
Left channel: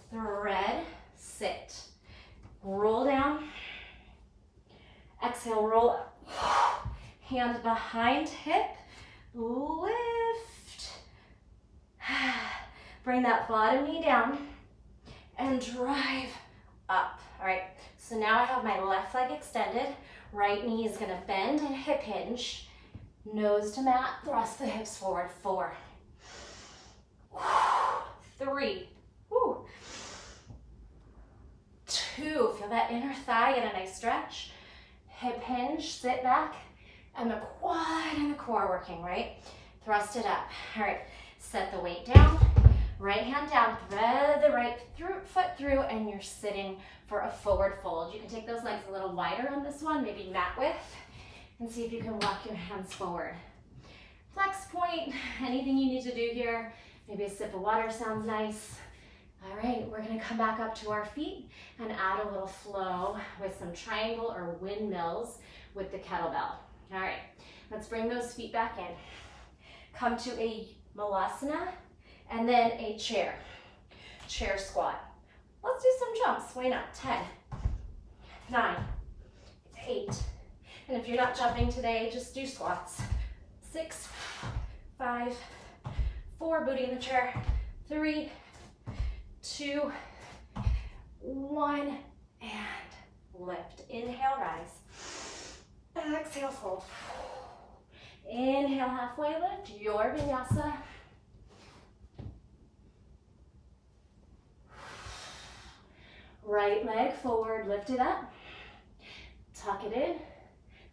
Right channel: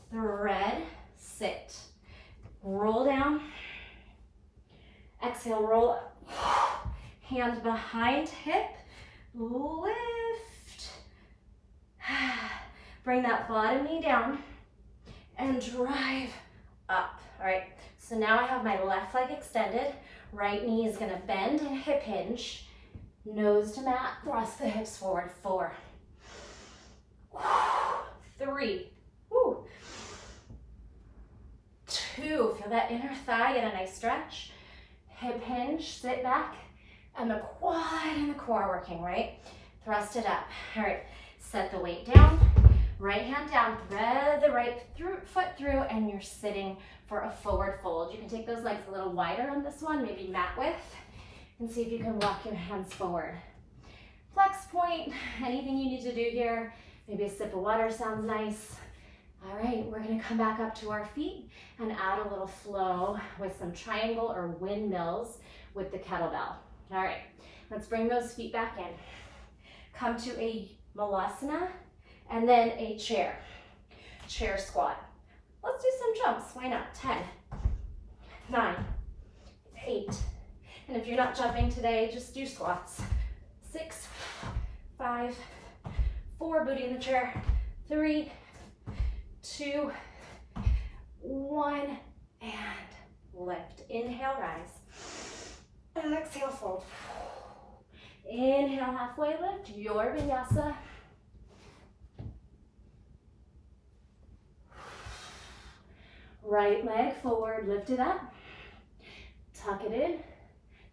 Thread, sit. Roll down. Exhale, roll up. Hand behind hip, lift. Bring that bottom knee down and drive up. All right, so now I have my left leg extended. Right knee is gonna bend and hip hinge. Nose to mat, thrust the hips forward. 4, 3, 2, feel that inner thigh, get a nice stretch. Hip hinge, sit back, and the quad and the core working, right? Thrust it up. All right, set the weight down, right hand down, thread the right foot through, and you're sitting for a forward fold. You can take those legs a little wider on this one, maybe mat width. and see if you can walk your hands forward. Flex point, anything you need to do here. Maybe a sip of water sounds nice. All right, we're gonna come back up to our feet and add a little flow with some triangle or windmills with the kettlebell. All right, let's bring those feet back in. Come to a malasana and then a chair squat. Let's do some jumps, why not? 10, 9, 8. And if you're not jumping today, just do squats. 6, 5, 4, booty in the chair, 3, 2, 1, and lift. Inhale, rise. Exhale, fold. Inhale, halfway lift, your vinyasa. Right leg forward, lift it up. Tuck it in,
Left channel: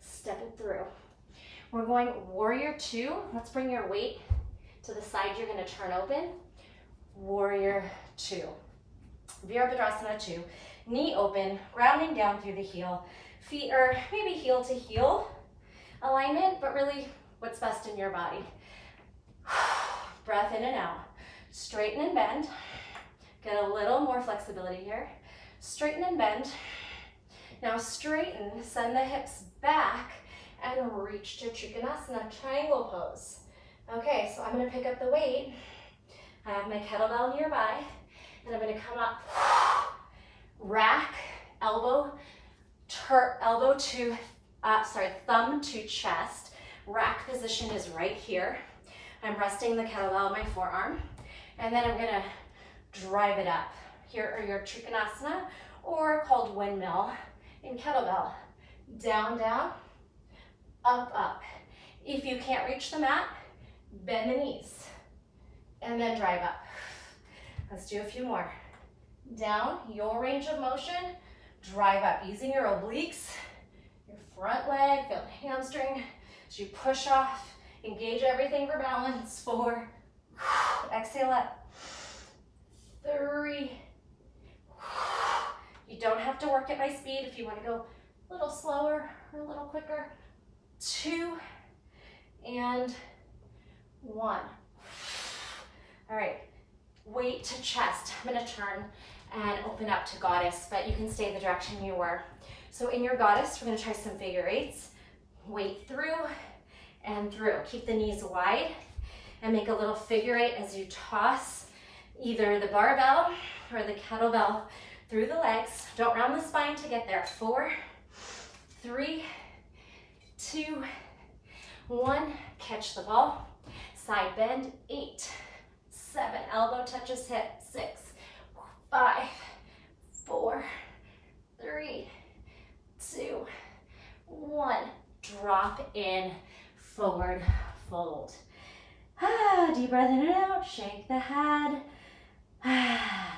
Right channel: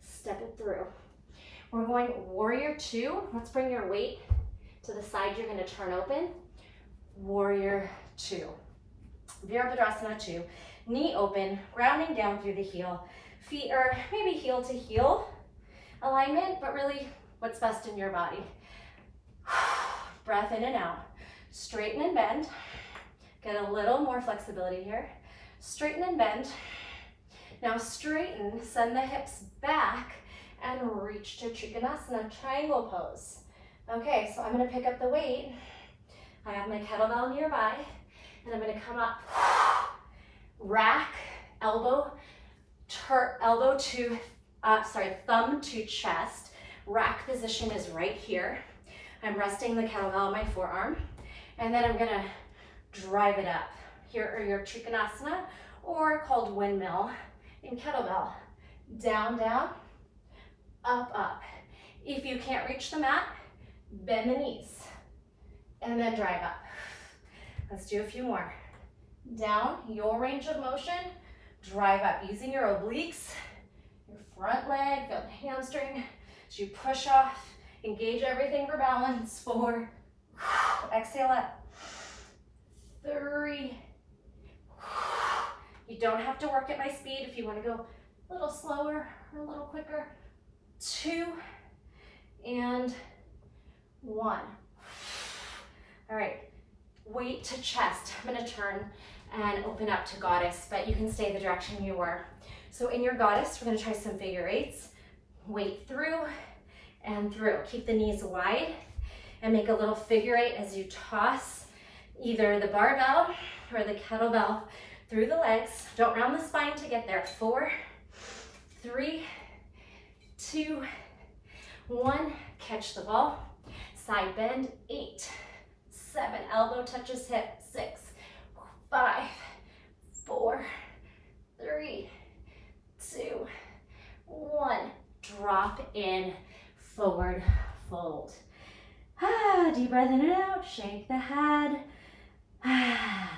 step it through. We're going warrior 2. Let's bring your weight to the side you're going to turn open. Warrior 2. Virabhadrasana 2. Knee open, grounding down through the heel. Feet are maybe heel to heel alignment, but really what's best in your body. Breath in and out. Straighten and bend. Get a little more flexibility here. Straighten and bend. Now straighten, send the hips back, and reach to Trikonasana, triangle pose. Okay, so I'm gonna pick up the weight. I have my kettlebell nearby, and I'm gonna come up, rack, thumb to chest. Rack position is right here. I'm resting the kettlebell on my forearm, and then I'm gonna drive it up. Here are your Trikonasana, or called windmill in kettlebell. Down, down, up, up. If you can't reach the mat, bend the knees, and then drive up. Let's do a few more. Down, your range of motion, drive up, using your obliques, your front leg, feel the hamstring, as you push off, engage everything for balance. 4, exhale up, 3, you don't have to work at my speed if you want to go a little slower or a little quicker. 2, and 1. All right, weight to chest. I'm gonna turn and open up to goddess, but you can stay the direction you were. So in your goddess, we're gonna try some figure eights. Weight through and through. Keep the knees wide and make a little figure eight as you toss either the barbell or the kettlebell through the legs. Don't round the spine to get there. 4, 3, 2, 1. Catch the ball. Side bend. 8, 7. Elbow touches hip. 6, 5, 4, 3, 2, 1. Drop in, forward fold. Deep breath in and out. Shake the head.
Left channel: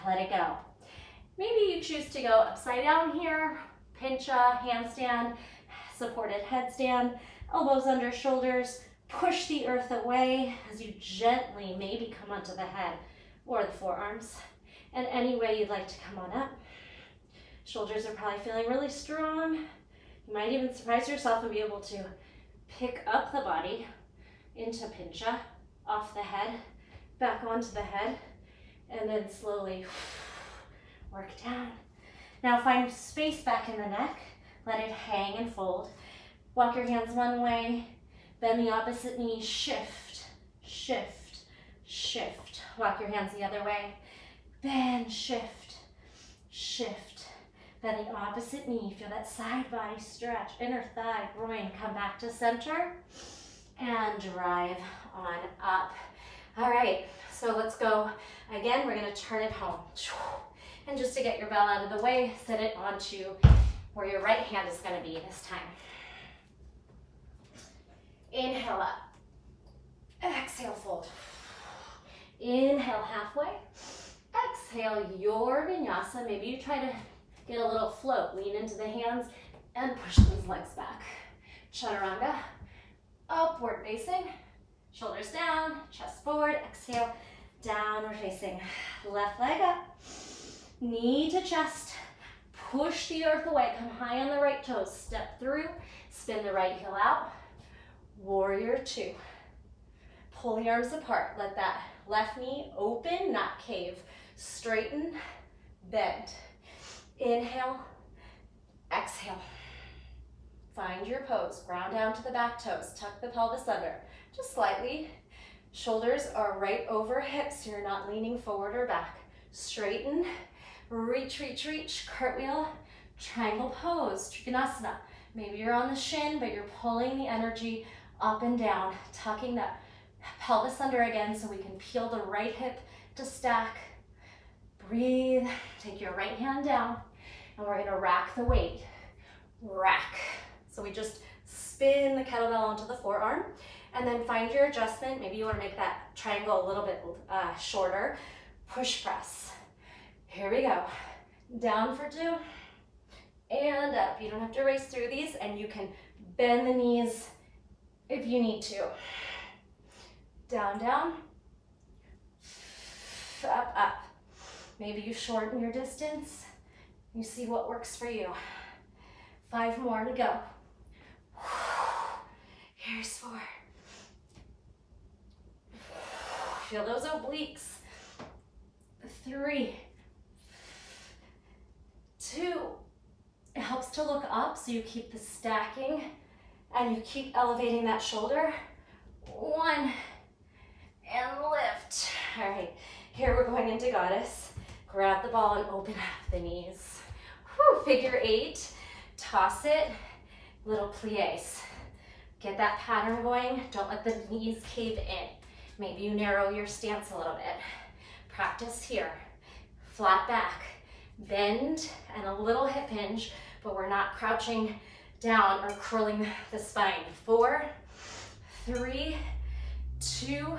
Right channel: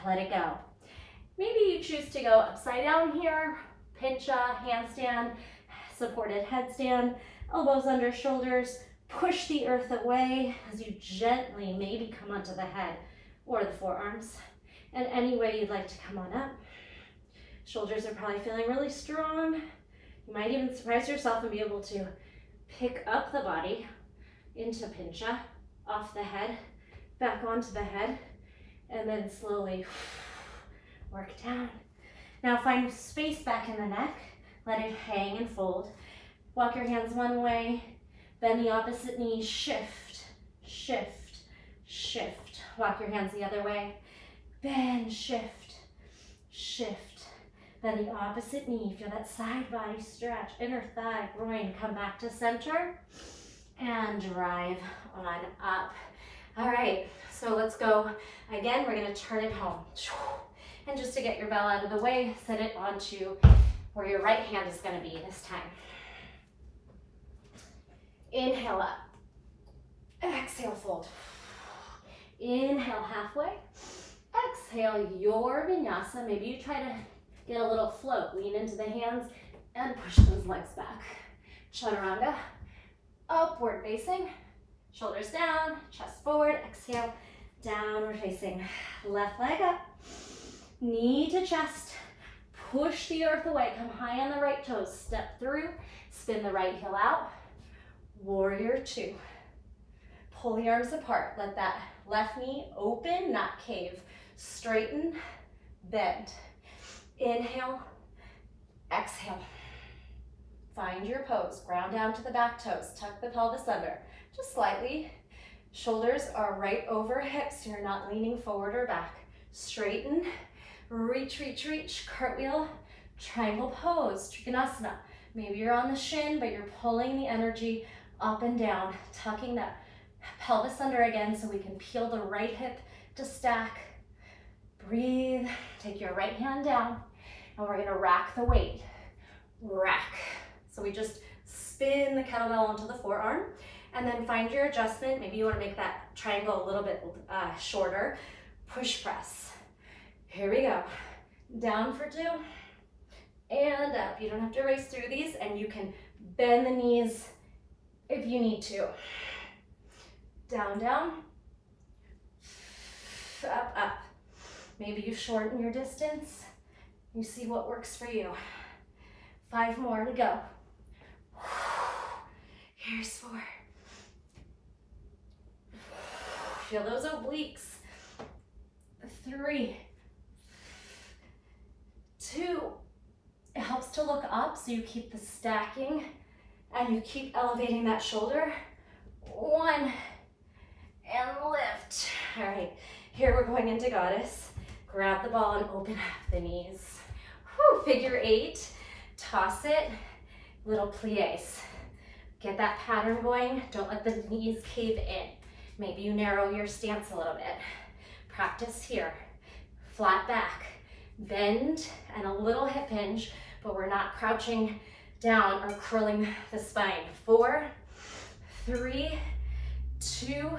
Let it go. Maybe you choose to go upside down here, pincha, handstand, supported headstand, elbows under shoulders, push the earth away as you gently maybe come onto the head or the forearms. And any way you'd like to come on up. Shoulders are probably feeling really strong. You might even surprise yourself and be able to pick up the body into pincha, off the head, back onto the head, and then slowly work down. Now find space back in the neck. Let it hang and fold. Walk your hands one way, bend the opposite knee, shift, shift, shift. Walk your hands the other way, bend, shift, shift. Bend the opposite knee. Feel that side body stretch, inner thigh, groin. Come back to center and drive on up. All right, so let's go again. We're gonna turn it home. And just to get your bell out of the way, set it onto where your right hand is gonna be this time. Inhale up. Exhale, fold. Inhale, halfway. Exhale, your vinyasa. Maybe you try to get a little float. Lean into the hands and push those legs back. Chaturanga. Upward facing. Shoulders down, chest forward. Exhale, downward facing. Left leg up. Knee to chest. Push the earth away. Come high on the right toes. Step through. Spin the right heel out. Warrior two. Pull the arms apart. Let that left knee open, not cave. Straighten, bend. Inhale, exhale. Find your pose. Ground down to the back toes. Tuck the pelvis under. Just slightly. Shoulders are right over hips. You're not leaning forward or back. Straighten, reach, reach, reach. Cartwheel, triangle pose, Trikonasana. Maybe you're on the shin, but you're pulling the energy up and down, tucking that pelvis under again so we can peel the right hip to stack. Breathe. Take your right hand down, and we're gonna rack the weight. Rack. So we just spin the kettlebell onto the forearm, and then find your adjustment. Maybe you want to make that triangle a little bit shorter. Push press. Here we go. Down for two, and up. You don't have to race through these, and you can bend the knees if you need to. Down, down, up, up. Maybe you shorten your distance. You see what works for you. 5 more to go. Here's 4. Feel those obliques. 3, 2. It helps to look up so you keep the stacking and you keep elevating that shoulder. 1, and lift. All right, here we're going into goddess. Grab the ball and open up the knees. Whew, figure 8, toss it, little plies. Get that pattern going. Don't let the knees cave in. Maybe you narrow your stance a little bit. Practice here. Flat back, bend, and a little hip hinge, but we're not crouching down or curling the spine. 4, 3, 2,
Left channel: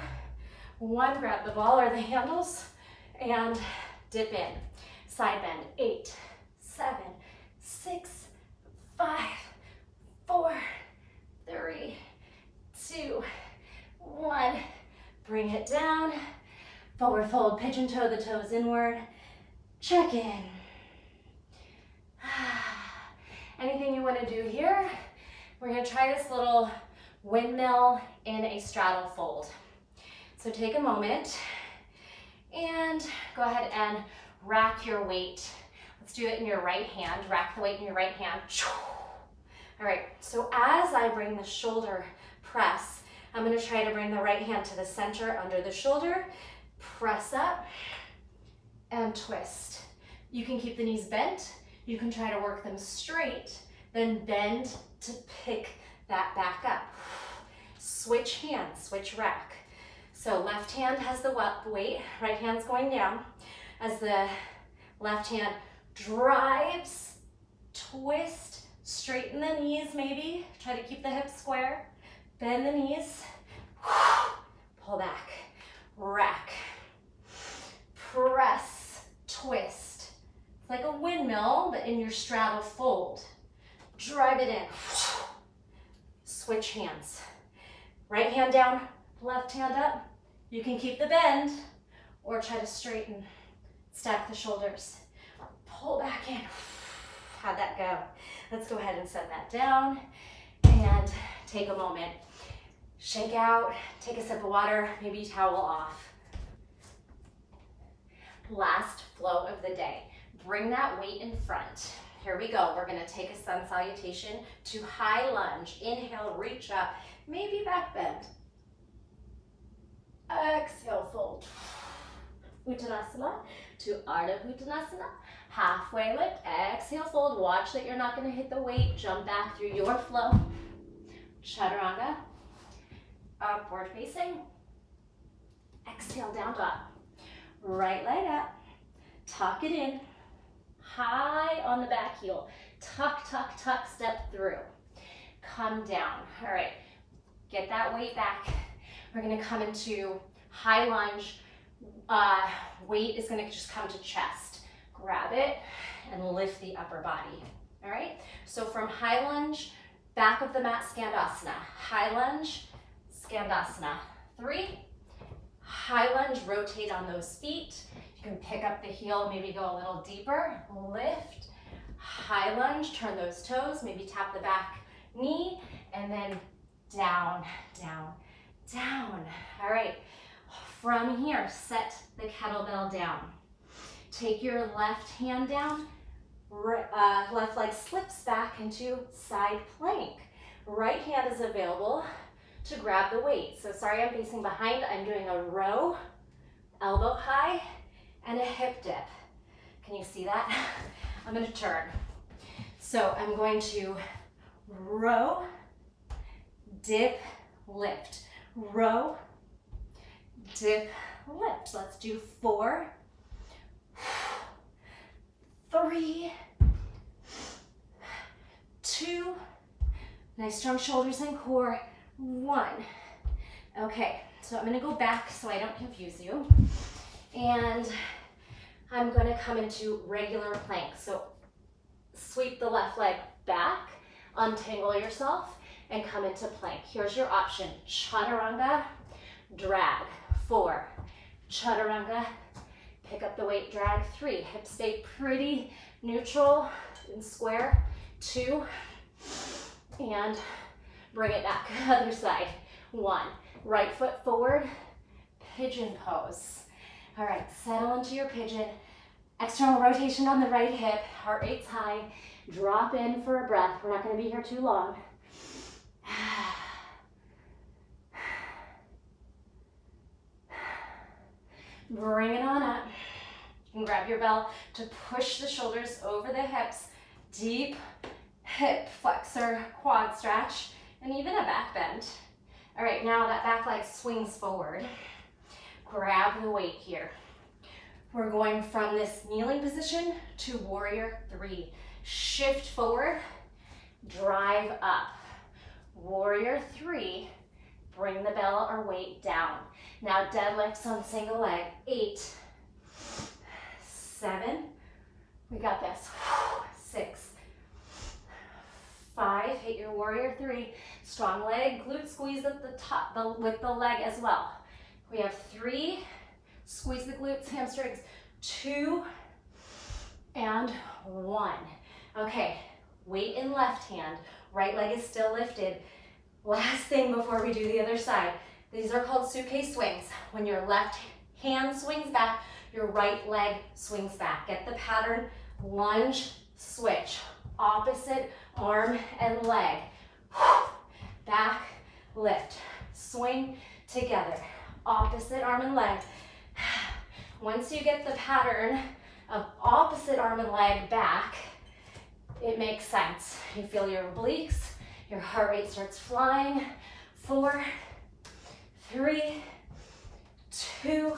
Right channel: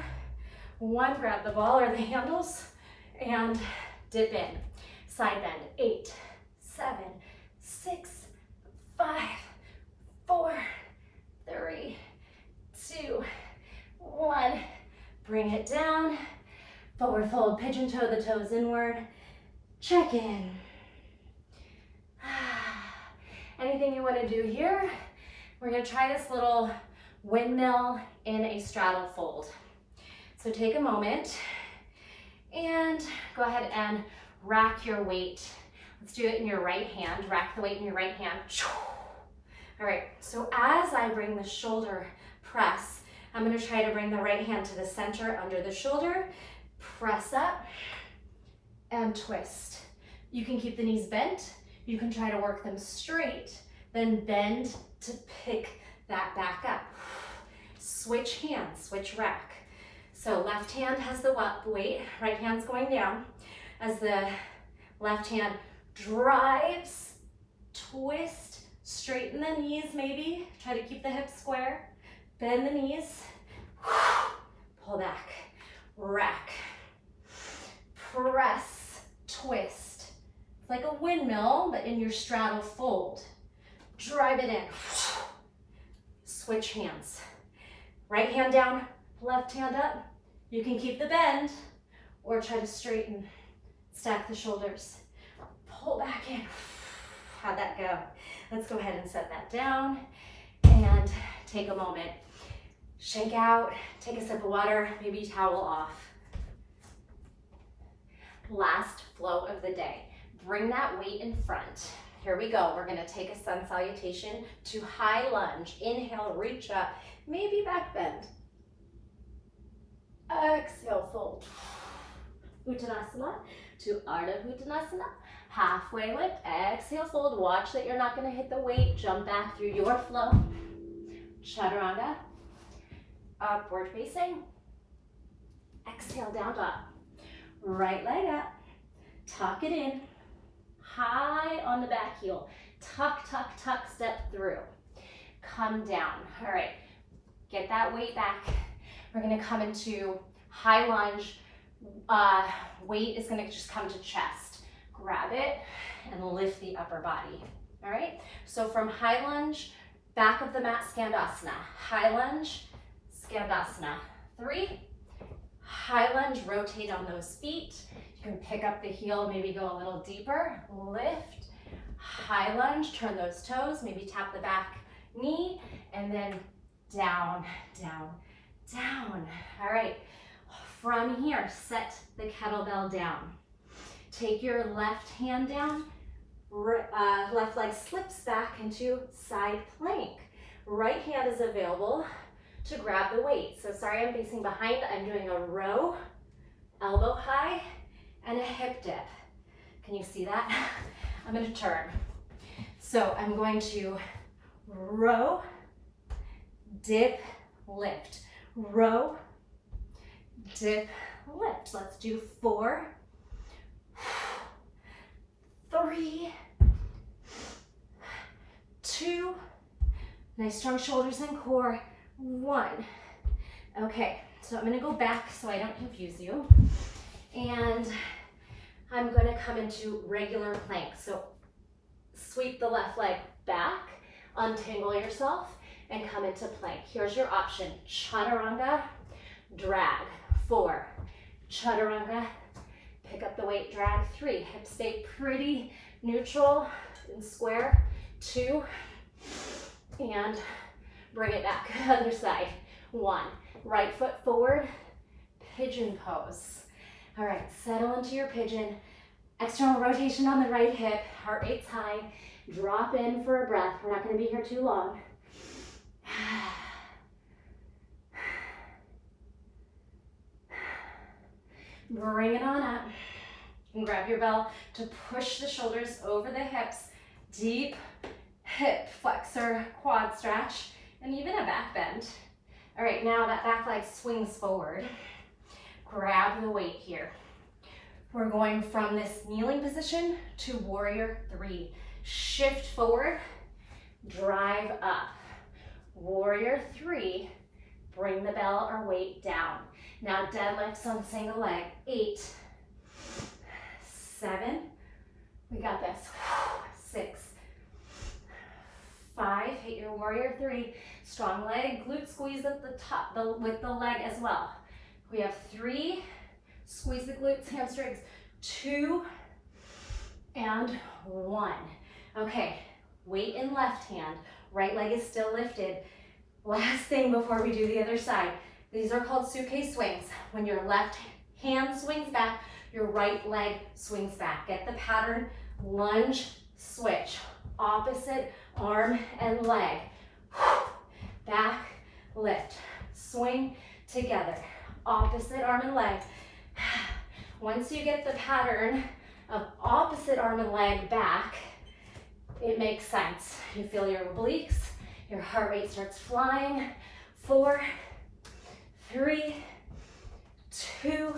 1. Grab the ball or the handles and dip in. Side bend. 8, 7, 6, 5, 4, 3, 2, 1. Bring it down. Forward fold, pigeon toe the toes inward. Check in. Anything you want to do here? We're going to try this little windmill in a straddle fold. So take a moment and go ahead and rack your weight. Let's do it in your right hand. Rack the weight in your right hand. All right, so as I bring the shoulder press, I'm going to try to bring the right hand to the center under the shoulder. Press up and twist. You can keep the knees bent. You can try to work them straight, then bend to pick that back up. Switch hands, switch rack. So left hand has the weight, right hand's going down. As the left hand drives, twist, straighten the knees maybe. Try to keep the hips square. Bend the knees, pull back, rack, press, twist. It's like a windmill, but in your straddle fold. Drive it in. Switch hands. Right hand down, left hand up. You can keep the bend or try to straighten, stack the shoulders. Pull back in. How'd that go? Let's go ahead and set that down and take a moment. Shake out, take a sip of water, maybe towel off. Last flow of the day. Bring that weight in front. Here we go. We're gonna take a sun salutation to high lunge. Inhale, reach up, maybe back bend. Exhale, fold. Uttanasana to Ardha Uttanasana. Halfway lift, exhale, fold. Watch that you're not gonna hit the weight. Jump back through your flow. Chaturanga. Upward facing. Exhale, down dog. Right leg up. Tuck it in. High on the back heel. Tuck, tuck, tuck, step through. Come down. All right, get that weight back. We're gonna come into high lunge. Weight is gonna just come to chest. Grab it and lift the upper body. All right, so from high lunge, back of the mat, Skandasana. High lunge, Skandasana. 3, high lunge, rotate on those feet. You can pick up the heel, maybe go a little deeper. Lift, high lunge, turn those toes, maybe tap the back knee, and then down, down, down. All right, from here, set the kettlebell down. Take your left hand down, left leg slips back into side plank. Right hand is available to grab the weight. So sorry, I'm facing behind. I'm doing a row, elbow high, and a hip dip. Can you see that? I'm gonna turn. So I'm going to row, dip, lift. Row, dip, lift. Let's do 4, 3, 2, nice strong shoulders and core, 1. Okay, so I'm gonna go back so I don't confuse you. And I'm gonna come into regular plank. So sweep the left leg back, untangle yourself, and come into plank. Here's your option. Chaturanga, drag. 4, chaturanga, pick up the weight, drag. 3, hips stay pretty neutral and square. 2, and bring it back. Other side. 1, right foot forward, pigeon pose. All right, settle into your pigeon. External rotation on the right hip, heart rate's high. Drop in for a breath. We're not gonna be here too long. Bring it on up. You can grab your bell to push the shoulders over the hips. Deep hip flexor quad stretch, and even a back bend. All right, now that back leg swings forward. Grab the weight here. We're going from this kneeling position to warrior 3. Shift forward, drive up. Warrior 3, bring the bell or weight down. Now deadlifts on single leg. 8, 7, we got this. 6, 5, hit your warrior 3. Strong leg, glute squeeze at the top with the leg as well. We have 3, squeeze the glutes, hamstrings. 2, and 1. Okay, weight in left hand. Right leg is still lifted. Last thing before we do the other side. These are called suitcase swings. When your left hand swings back, your right leg swings back. Get the pattern, lunge, switch. Opposite arm and leg. Back, lift, swing together. Opposite arm and leg. Once you get the pattern of opposite arm and leg back, it makes sense. You feel your obliques, your heart rate starts flying. 4, 3, 2,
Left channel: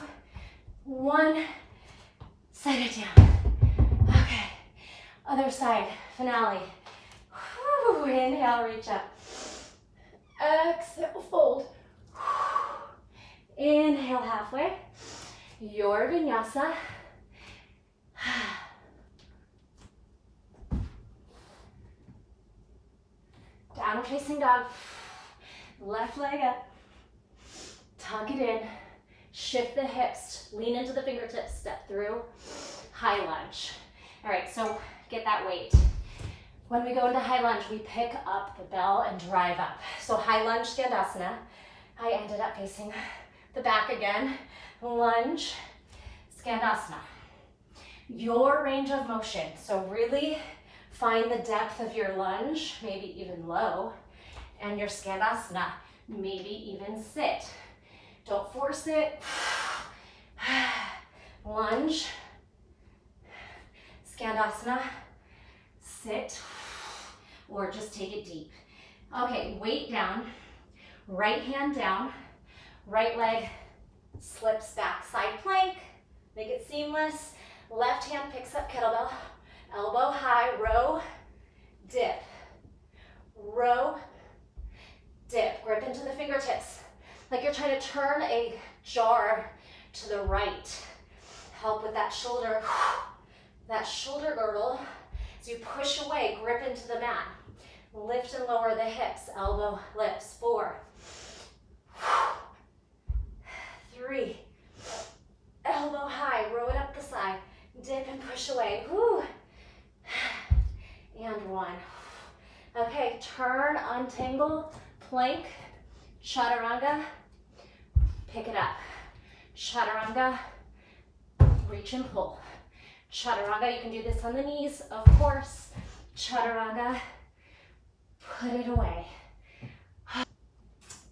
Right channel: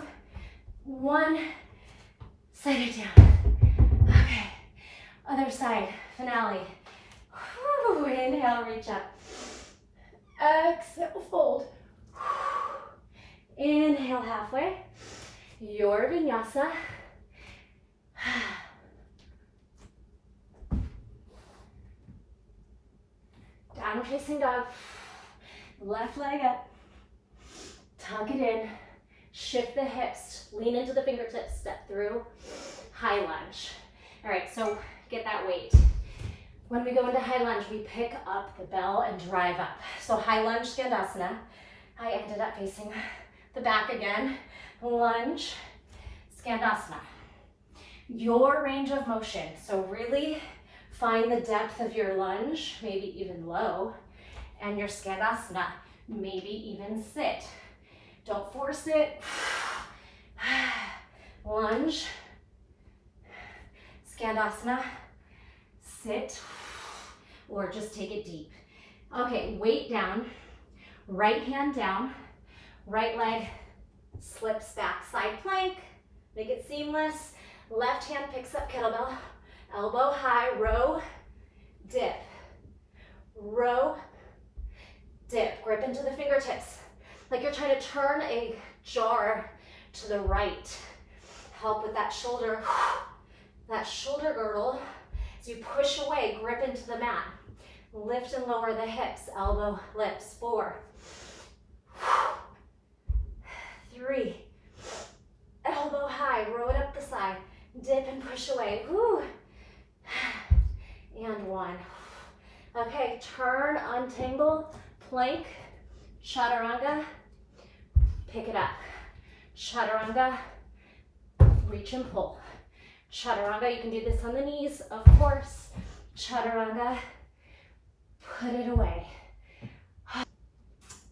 1. Set it down. Okay, other side, finale. Whew. Inhale, reach up. Exhale, fold. Inhale, halfway. Your vinyasa. Downward facing dog. Left leg up. Tuck it in. Shift the hips. Lean into the fingertips. Step through. High lunge. All right, so get that weight. When we go into high lunge, we pick up the bell and drive up. So high lunge, Skandasana. I ended up facing the back again. Lunge, Skandasana. Your range of motion. So really find the depth of your lunge, maybe even low, and your Skandasana, maybe even sit. Don't force it. Lunge, Skandasana, sit, or just take it deep. Okay, weight down, right hand down, right leg slips back, side plank, make it seamless. Left hand picks up kettlebell, elbow high, row, dip, row, dip. Grip into the fingertips, like you're trying to turn a jar to the right. Help with that shoulder girdle. As you push away, grip into the mat. Lift and lower the hips, elbow lifts. 4, 3, elbow high, row it up the side. Dip and push away. Whew. And 1. Okay, turn, untangle, plank, chaturanga, pick it up. Chaturanga, reach and pull. Chaturanga, you can do this on the knees, of course. Chaturanga, put it away.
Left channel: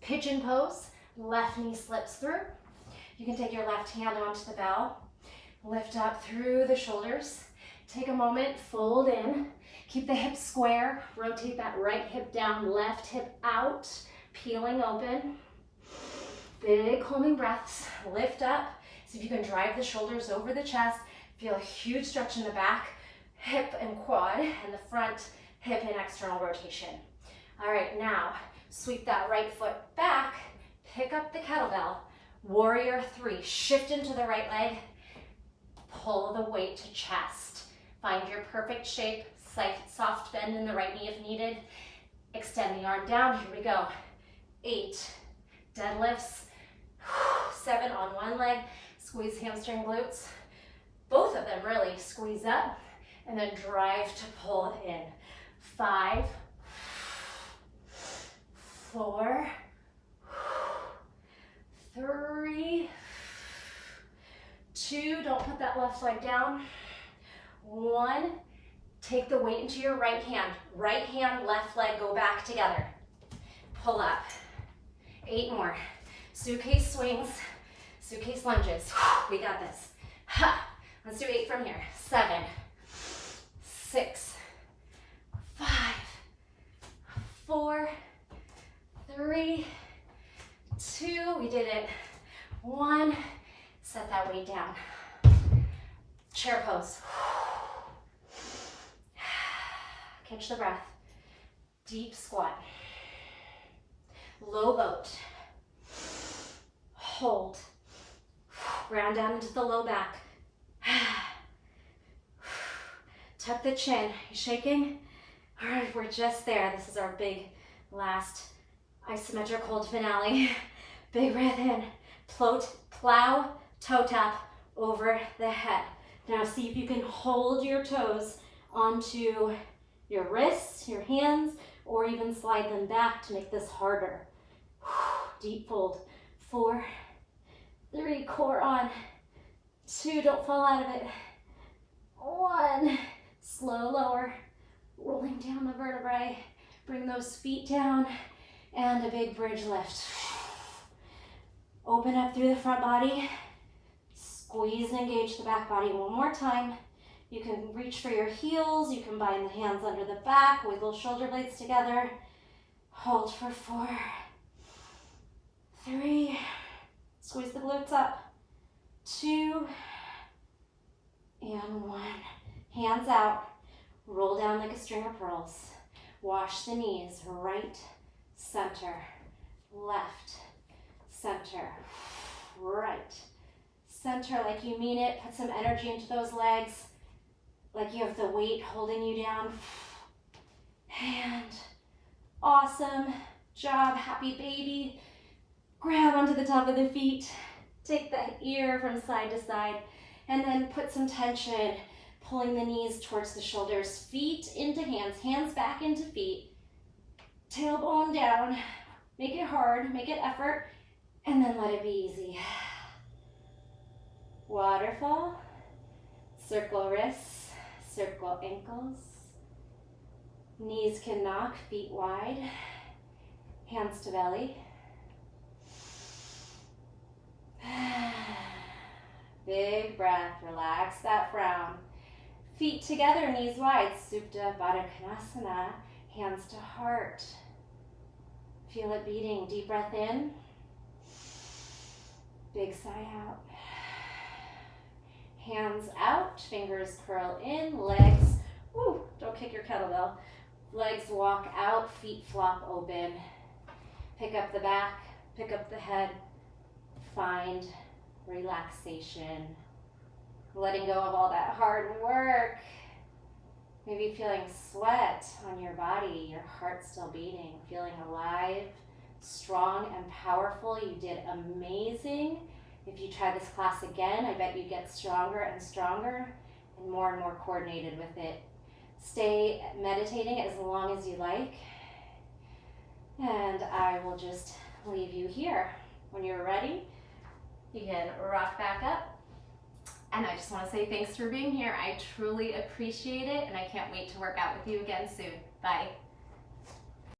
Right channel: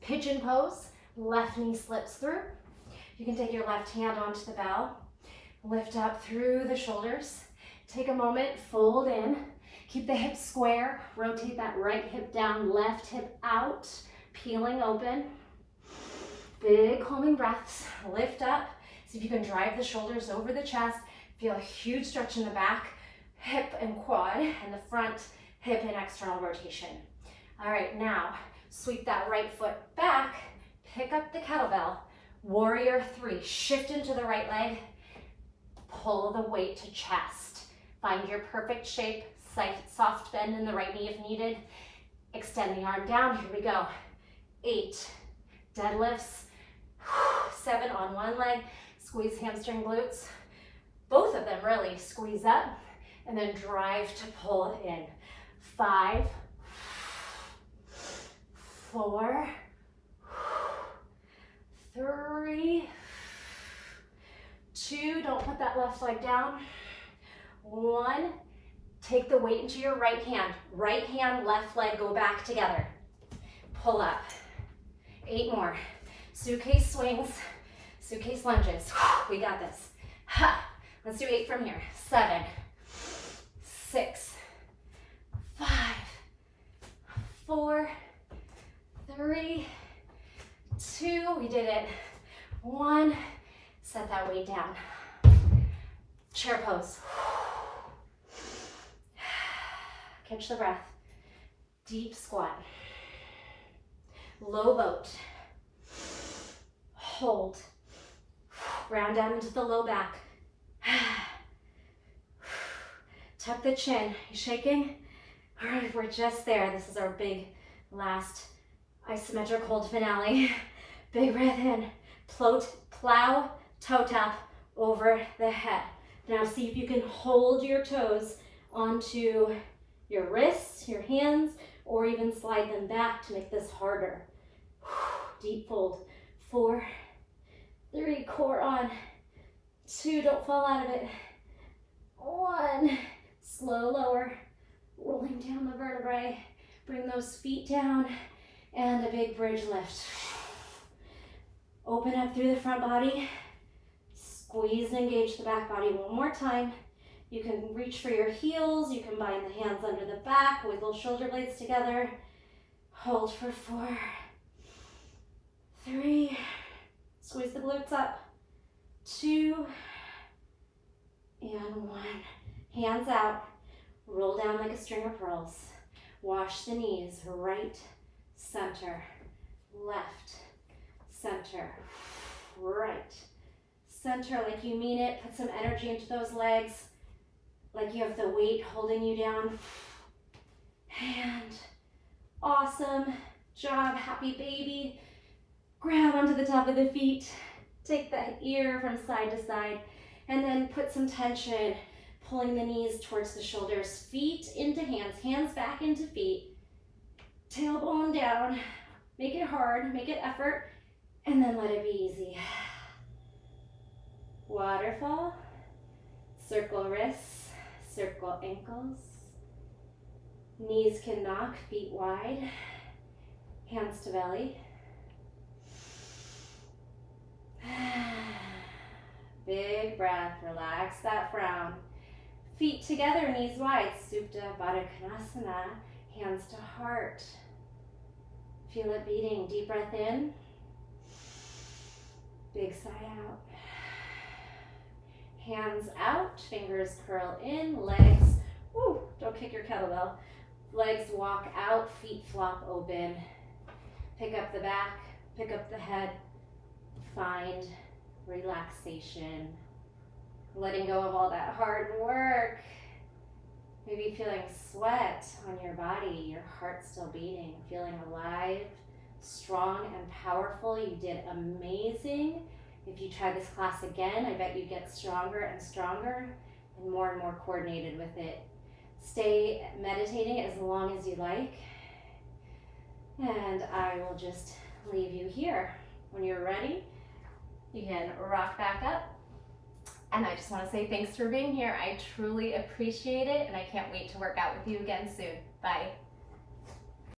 Pigeon pose, left knee slips through. You can take your left hand onto the bell, lift up through the shoulders. Take a moment, fold in, keep the hips square, rotate that right hip down, left hip out, peeling open. Big calming breaths, lift up. See if you can drive the shoulders over the chest. Feel a huge stretch in the back, hip and quad, and the front hip and external rotation. All right, now sweep that right foot back, pick up the kettlebell, warrior 3, shift into the right leg, pull the weight to chest. Find your perfect shape, soft bend in the right knee if needed. Extend the arm down, here we go. 8, deadlifts, 7 on one leg, squeeze hamstring glutes. Both of them really, squeeze up and then drive to pull it in. 5, 4, 3, 2, don't put that left leg down. 1, take the weight into your right hand, left leg, go back together. Pull up. 8 more. Suitcase swings, suitcase lunges. We got this. Let's do 8 from here. 7, 6, 5, 4, 3, 2, we did it. 1, set that weight down. Chair pose. Catch the breath. Deep squat. Low boat. Hold. Round down into the low back. Tuck the chin. You shaking? All right, we're just there. This is our big last isometric hold finale. Big breath in. Plow, toe tap over the head. Now see if you can hold your toes onto your wrists, your hands, or even slide them back to make this harder. Deep fold. 4, 3, core on. 2, don't fall out of it. 1, slow lower, rolling down the vertebrae. Bring those feet down and a big bridge lift. Open up through the front body. Squeeze and engage the back body one more time. You can reach for your heels. You can bind the hands under the back, wiggle shoulder blades together. Hold for 4, 3, squeeze the glutes up. 2, and 1. Hands out, roll down like a string of pearls. Wash the knees, right, center, left, center, right, center, like you mean it. Put some energy into those legs, like you have the weight holding you down. And awesome job, happy baby. Grab onto the top of the feet, take that ear from side to side, and then put some tension, pulling the knees towards the shoulders, feet into hands, hands back into feet, tailbone down. Make it hard, make it effort, and then let it be easy. Waterfall, circle wrists, circle ankles. Knees can knock, feet wide, hands to belly. Big breath, relax that frown. Feet together, knees wide, Supta Baddha Konasana, hands to heart. Feel it beating, deep breath in, big sigh out. Hands out, fingers curl in, legs, don't kick your kettlebell. Legs walk out, feet flop open. Pick up the back, pick up the head, find relaxation. Letting go of all that hard work. Maybe feeling sweat on your body, your heart still beating, feeling alive, strong and powerful. You did amazing. If you try this class again, I bet you get stronger and stronger and more coordinated with it. stay meditating as long as you like. And I will just leave you here. When you're ready, you can rock back up. And I just want to say thanks for being here. I truly appreciate it, and I can't wait to work out with you again soon. Bye.